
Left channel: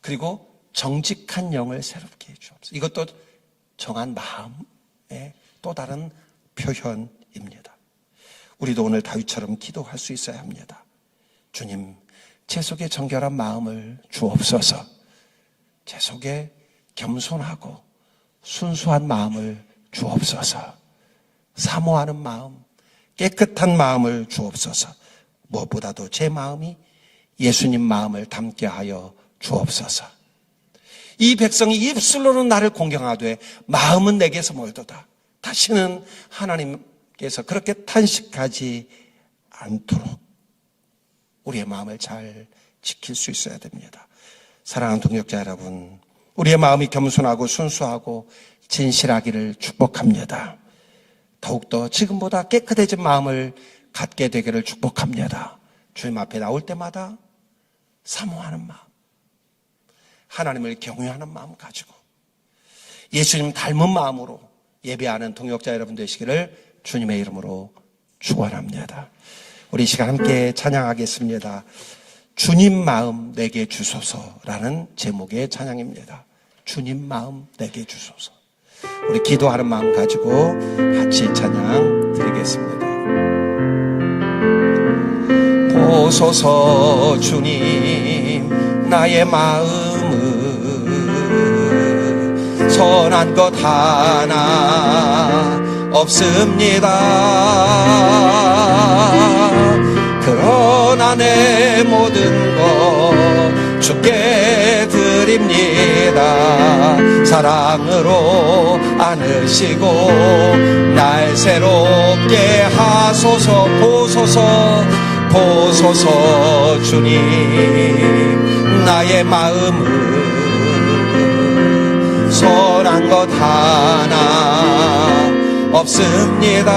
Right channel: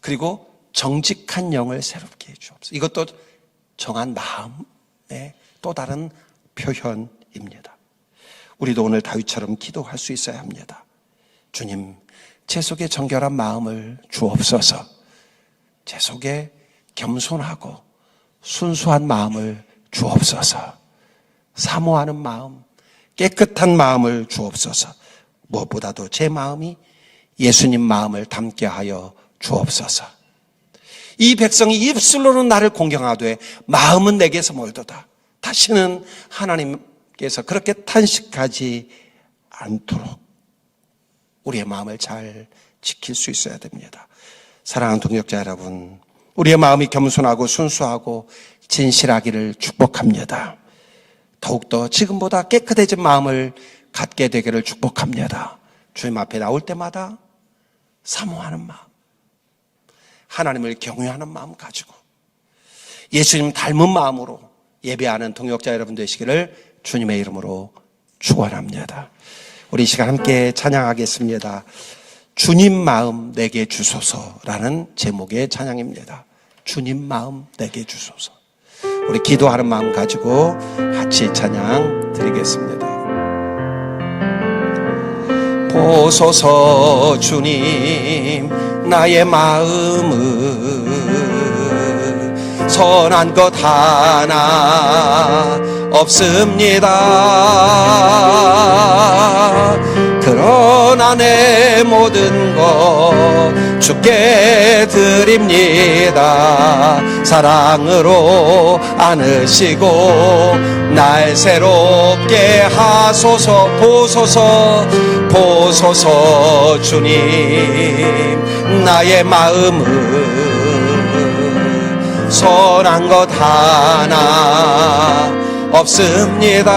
그리고 정직한 영을 새롭게 해 주옵소서. 이것도 정한 마음의 또 다른 표현입니다. 우리도 오늘 다윗처럼 기도할 수 있어야 합니다. 주님, 제 속에 정결한 마음을 주옵소서. 제 속에 겸손하고 순수한 마음을 주옵소서. 사모하는 마음, 깨끗한 마음을 주옵소서. 무엇보다도 제 마음이 예수님 마음을 담게 하여 주옵소서. 이 백성이 입술로는 나를 공경하되 마음은 내게서 멀도다. 다시는 하나님께서 그렇게 탄식하지 않도록 우리의 마음을 잘 지킬 수 있어야 됩니다. 사랑하는 동역자 여러분, 우리의 마음이 겸손하고 순수하고 진실하기를 축복합니다. 더욱더 지금보다 깨끗해진 마음을 갖게 되기를 축복합니다. 주님 앞에 나올 때마다 사모하는 마음, 하나님을 경외하는 마음 가지고 예수님 닮은 마음으로 예배하는 동역자 여러분 되시기를 주님의 이름으로 축원합니다. 우리 이 시간 함께 찬양하겠습니다. 주님 마음 내게 주소서라는 제목의 찬양입니다. 주님 마음 내게 주소서. 우리 기도하는 마음 가지고 같이 찬양 드리겠습니다. 보소서 주님 나의 마음을 선한 것 하나 없습니다. 그러나 내 모든 것 주께 드립니다. 사랑으로 안으시고 날 새롭게 하소서. 보소서 주님 나의 마음을 선한 것 하나 없습니다.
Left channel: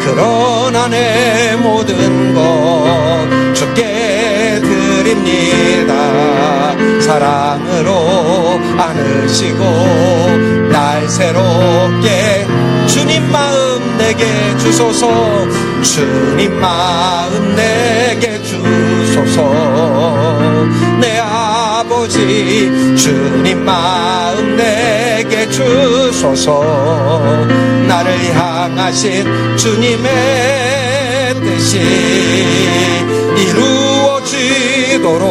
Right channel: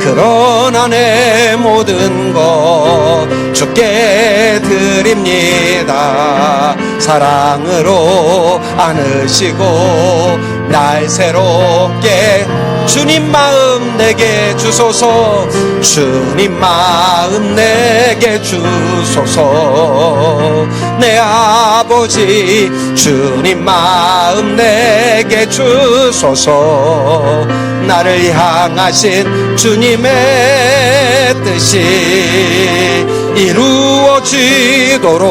그러나 내 모든 것 주께 드립니다. 사랑으로 안으시고 날 새롭게 주님 마음 내게 주소서. 주님 마음 내게 주소서. 내 아버지 주님 마음 내게 주소서. 나를 향하신 주님의 뜻이 이루어지도록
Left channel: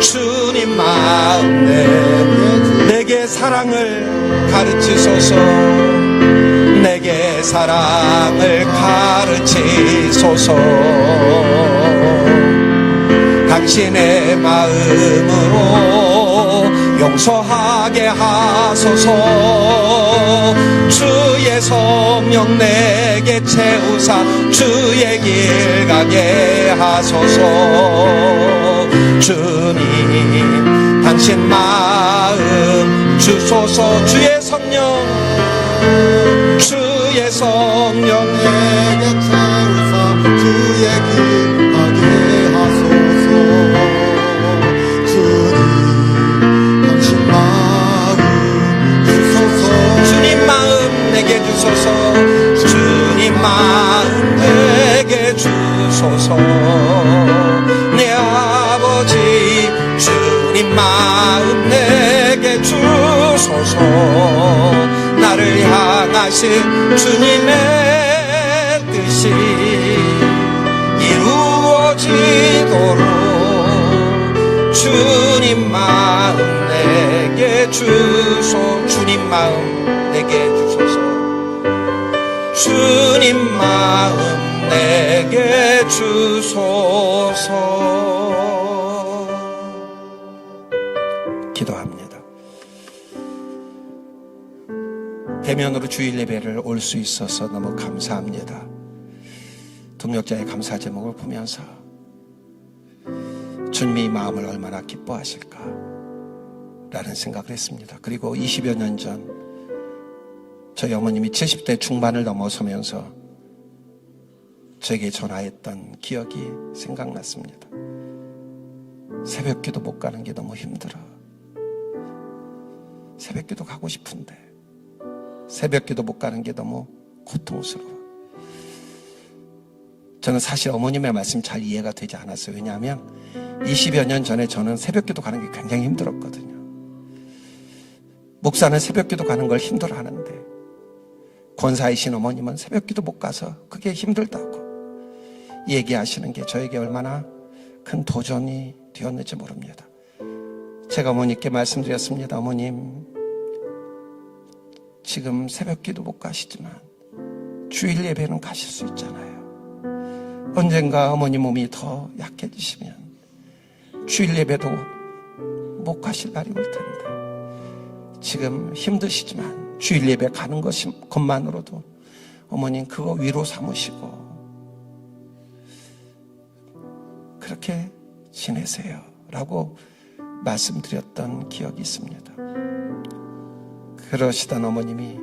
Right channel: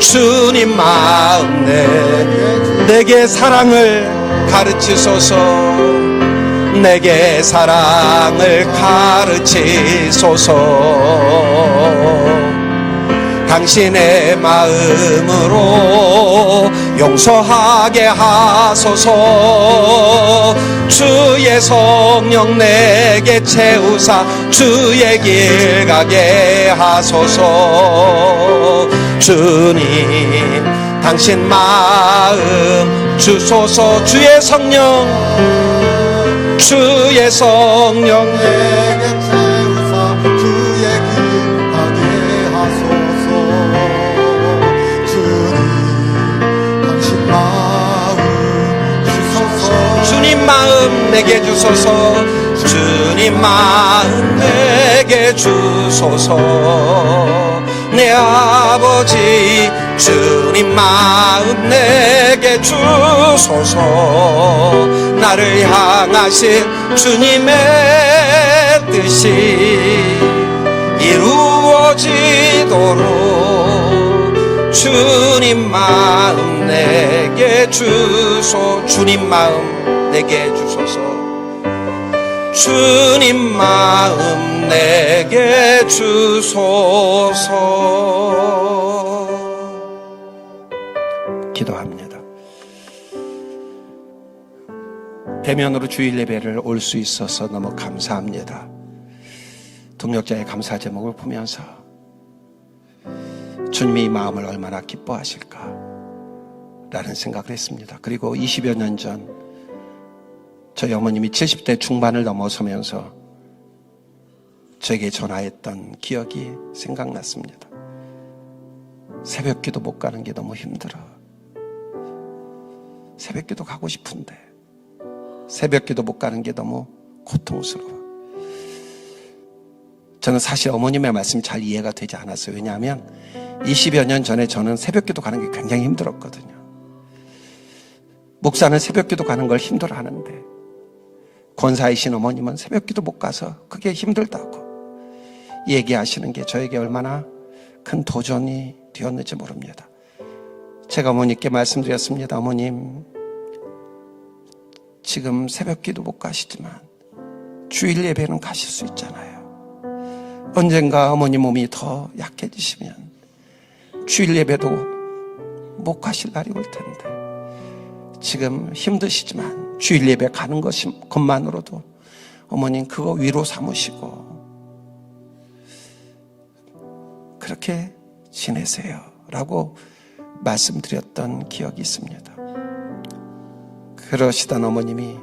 주님 마음 내게 사랑을 가르치소서. 내게 사랑을 가르치소서. 당신의 마음으로 용서하게 하소서. 주의 성령 내게 채우사 주의 길 가게 하소서. 주님 당신 마음 주소서. 주의 성령 내게 채우사 주의 길 가게 하소서. 주님 당신 마음 주소서. 내 아버지 주님 마음 내게 주소서. 나를 향하신 주님의 뜻이 이루어지도록 주님 마음 내게 주소. 주님 마음 내게 주소서. 주님 마음 내게 주소서. 기도합니다. 대면으로 주일 예배를 올 수 있어서 너무 감사합니다. 동역자의 감사 제목을 보면서 주님이 이 마음을 얼마나 기뻐하실까 라는 생각을 했습니다. 그리고 20여 년 전 저희 어머님이 70대 중반을 넘어서면서 저에게 전화했던 기억이 생각났습니다. 새벽기도 못 가는 게 너무 힘들어. 새벽기도 가고 싶은데 새벽기도 못 가는 게 너무 고통스러워. 저는 사실 어머님의 말씀이 잘 이해가 되지 않았어요. 왜냐하면 20여 년 전에 저는 새벽기도 가는 게 굉장히 힘들었거든요. 목사는 새벽기도 가는 걸 힘들어하는데 권사이신 어머님은 새벽기도 못 가서 그게 힘들다고 얘기하시는 게 저에게 얼마나 큰 도전이 되었는지 모릅니다. 제가 어머니께 말씀드렸습니다. 어머님, 지금 새벽기도 못 가시지만 주일 예배는 가실 수 있잖아요. 언젠가 어머니 몸이 더 약해지시면 주일 예배도 못 가실 날이 올 텐데 지금 힘드시지만 주일 예배 가는 것만으로도 어머님 그거 위로 삼으시고 그렇게 지내세요 라고 말씀드렸던 기억이 있습니다. 그러시던 어머님이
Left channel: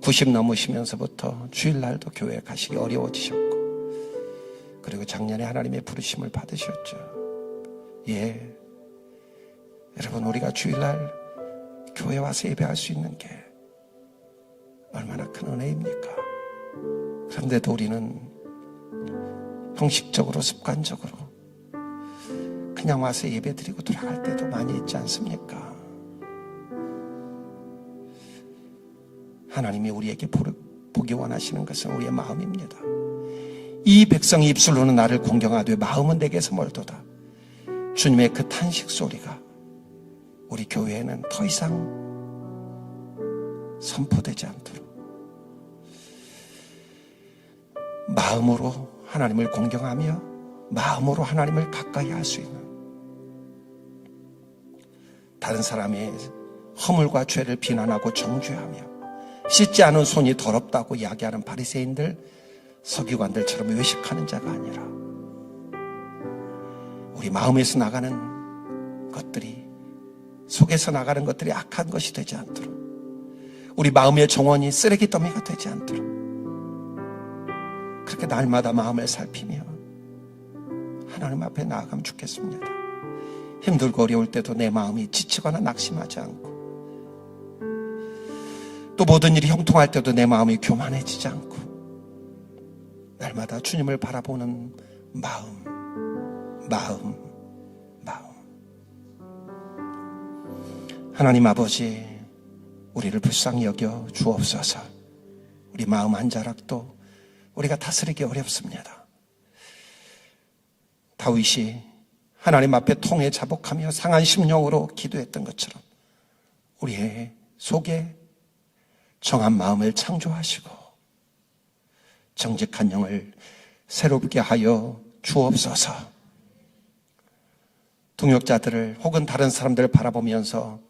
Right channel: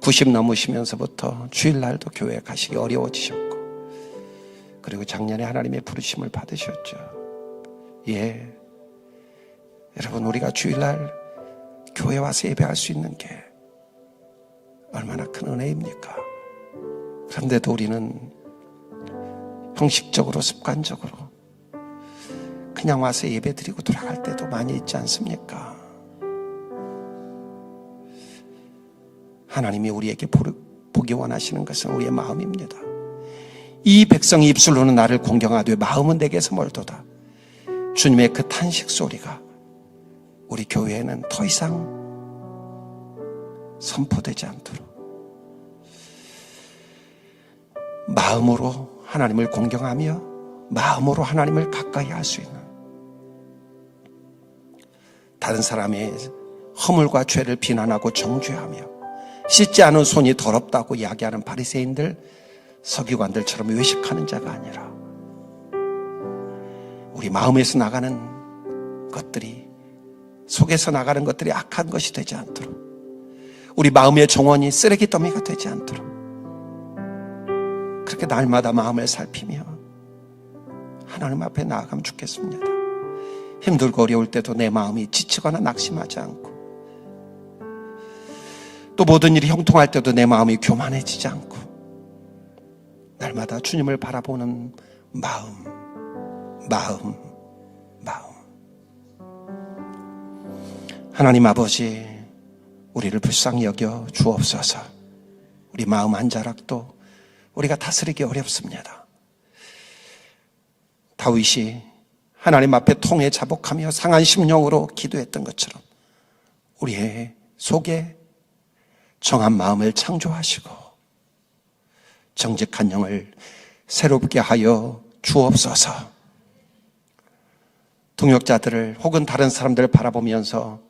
90 넘으시면서부터 주일날도 교회에 가시기 어려워지셨고 그리고 작년에 하나님의 부르심을 받으셨죠. 예, 여러분, 우리가 주일날 교회 와서 예배할 수 있는 게 얼마나 큰 은혜입니까? 그런데도 우리는 형식적으로 습관적으로 그냥 와서 예배 드리고 돌아갈 때도 많이 있지 않습니까? 하나님이 우리에게 보기 원하시는 것은 우리의 마음입니다. 이 백성이 입술로는 나를 공경하되 마음은 내게서 멀도다. 주님의 그 탄식 소리가 우리 교회에는 더 이상 선포되지 않도록 마음으로 하나님을 공경하며 마음으로 하나님을 가까이 할 수 있는, 다른 사람의 허물과 죄를 비난하고 정죄하며 씻지 않은 손이 더럽다고 이야기하는 바리새인들, 서기관들처럼 외식하는 자가 아니라 우리 마음에서 나가는 것들이, 속에서 나가는 것들이 악한 것이 되지 않도록, 우리 마음의 정원이 쓰레기 더미가 되지 않도록 그렇게 날마다 마음을 살피며 하나님 앞에 나아가면 좋겠습니다. 힘들고 어려울 때도 내 마음이 지치거나 낙심하지 않고, 또 모든 일이 형통할 때도 내 마음이 교만해지지 않고, 날마다 주님을 바라보는 마음. 하나님 아버지, 우리를 불쌍히 여겨 주옵소서. 우리 마음 한 자락도 우리가 다스리기 어렵습니다. 다윗이 하나님 앞에 통해 자복하며 상한 심령으로 기도했던 것처럼 우리의 속에 정한 마음을 창조하시고 정직한 영을 새롭게 하여 주옵소서. 동역자들을 혹은 다른 사람들을 바라보면서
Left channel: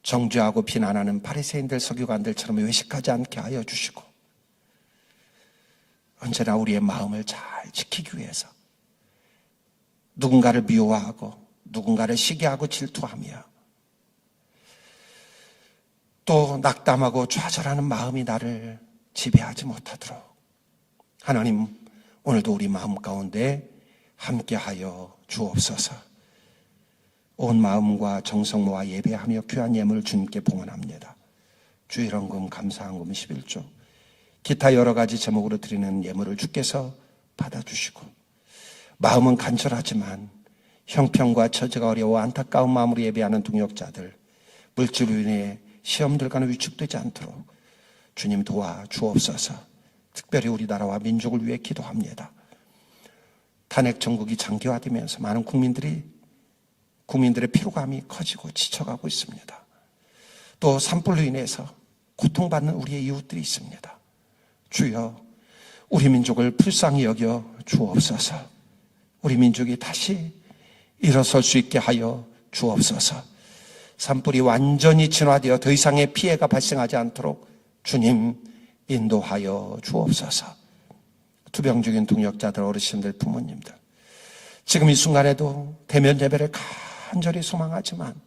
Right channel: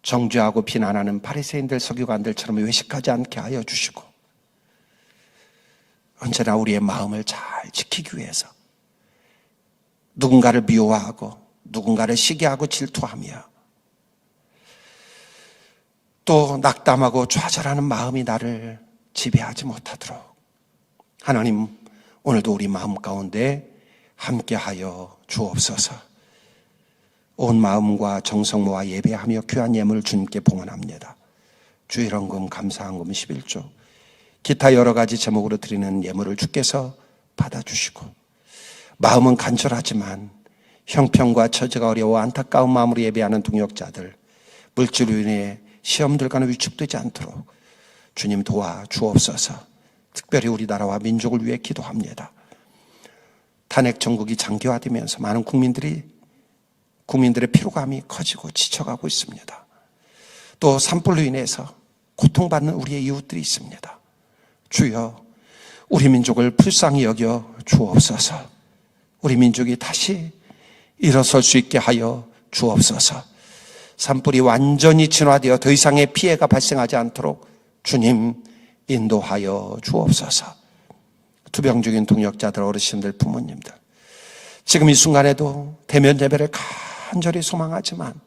정죄하고 비난하는 바리새인들, 서기관들처럼 외식하지 않게 하여 주시고, 언제나 우리의 마음을 잘 지키기 위해서 누군가를 미워하고 누군가를 시기하고 질투하며 또 낙담하고 좌절하는 마음이 나를 지배하지 못하도록 하나님, 오늘도 우리 마음 가운데 함께하여 주옵소서. 온 마음과 정성 모아 예배하며 귀한 예물을 주님께 봉헌합니다. 주일헌금, 감사헌금 11조, 기타 여러 가지 제목으로 드리는 예물을 주께서 받아주시고, 마음은 간절하지만 형편과 처지가 어려워 안타까운 마음으로 예배하는 동역자들, 물질로 인해 시험들과는 위축되지 않도록 주님 도와주옵소서. 특별히 우리나라와 민족을 위해 기도합니다. 탄핵 정국이 장기화되면서 많은 국민들의 피로감이 커지고 지쳐가고 있습니다. 또 산불로 인해서 고통받는 우리의 이웃들이 있습니다. 주여, 우리 민족을 불쌍히 여겨 주옵소서. 우리 민족이 다시 일어설 수 있게 하여 주옵소서. 산불이 완전히 진화되어 더 이상의 피해가 발생하지 않도록 주님 인도하여 주옵소서. 투병 중인 동역자들, 어르신들, 부모님들, 지금 이 순간에도 대면 예배를 간절히 소망하지만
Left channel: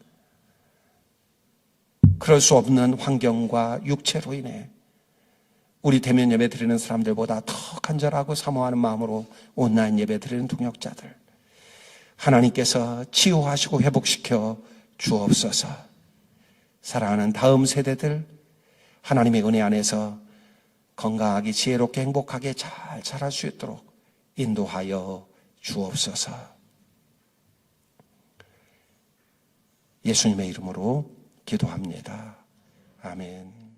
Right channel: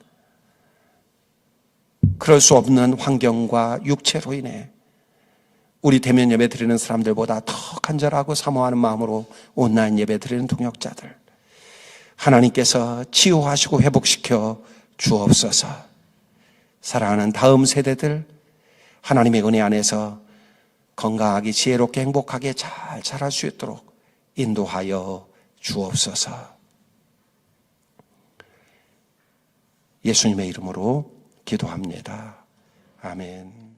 그럴 수 없는 환경과 육체로 인해 우리 대면 예배 드리는 사람들보다 더 간절하고 사모하는 마음으로 온라인 예배 드리는 동역자들, 하나님께서 치유하시고 회복시켜 주옵소서. 사랑하는 다음 세대들, 하나님의 은혜 안에서 건강하게 지혜롭게 행복하게 잘 자랄 수 있도록 인도하여 주옵소서. 예수님의 이름으로 기도합니다. 아멘.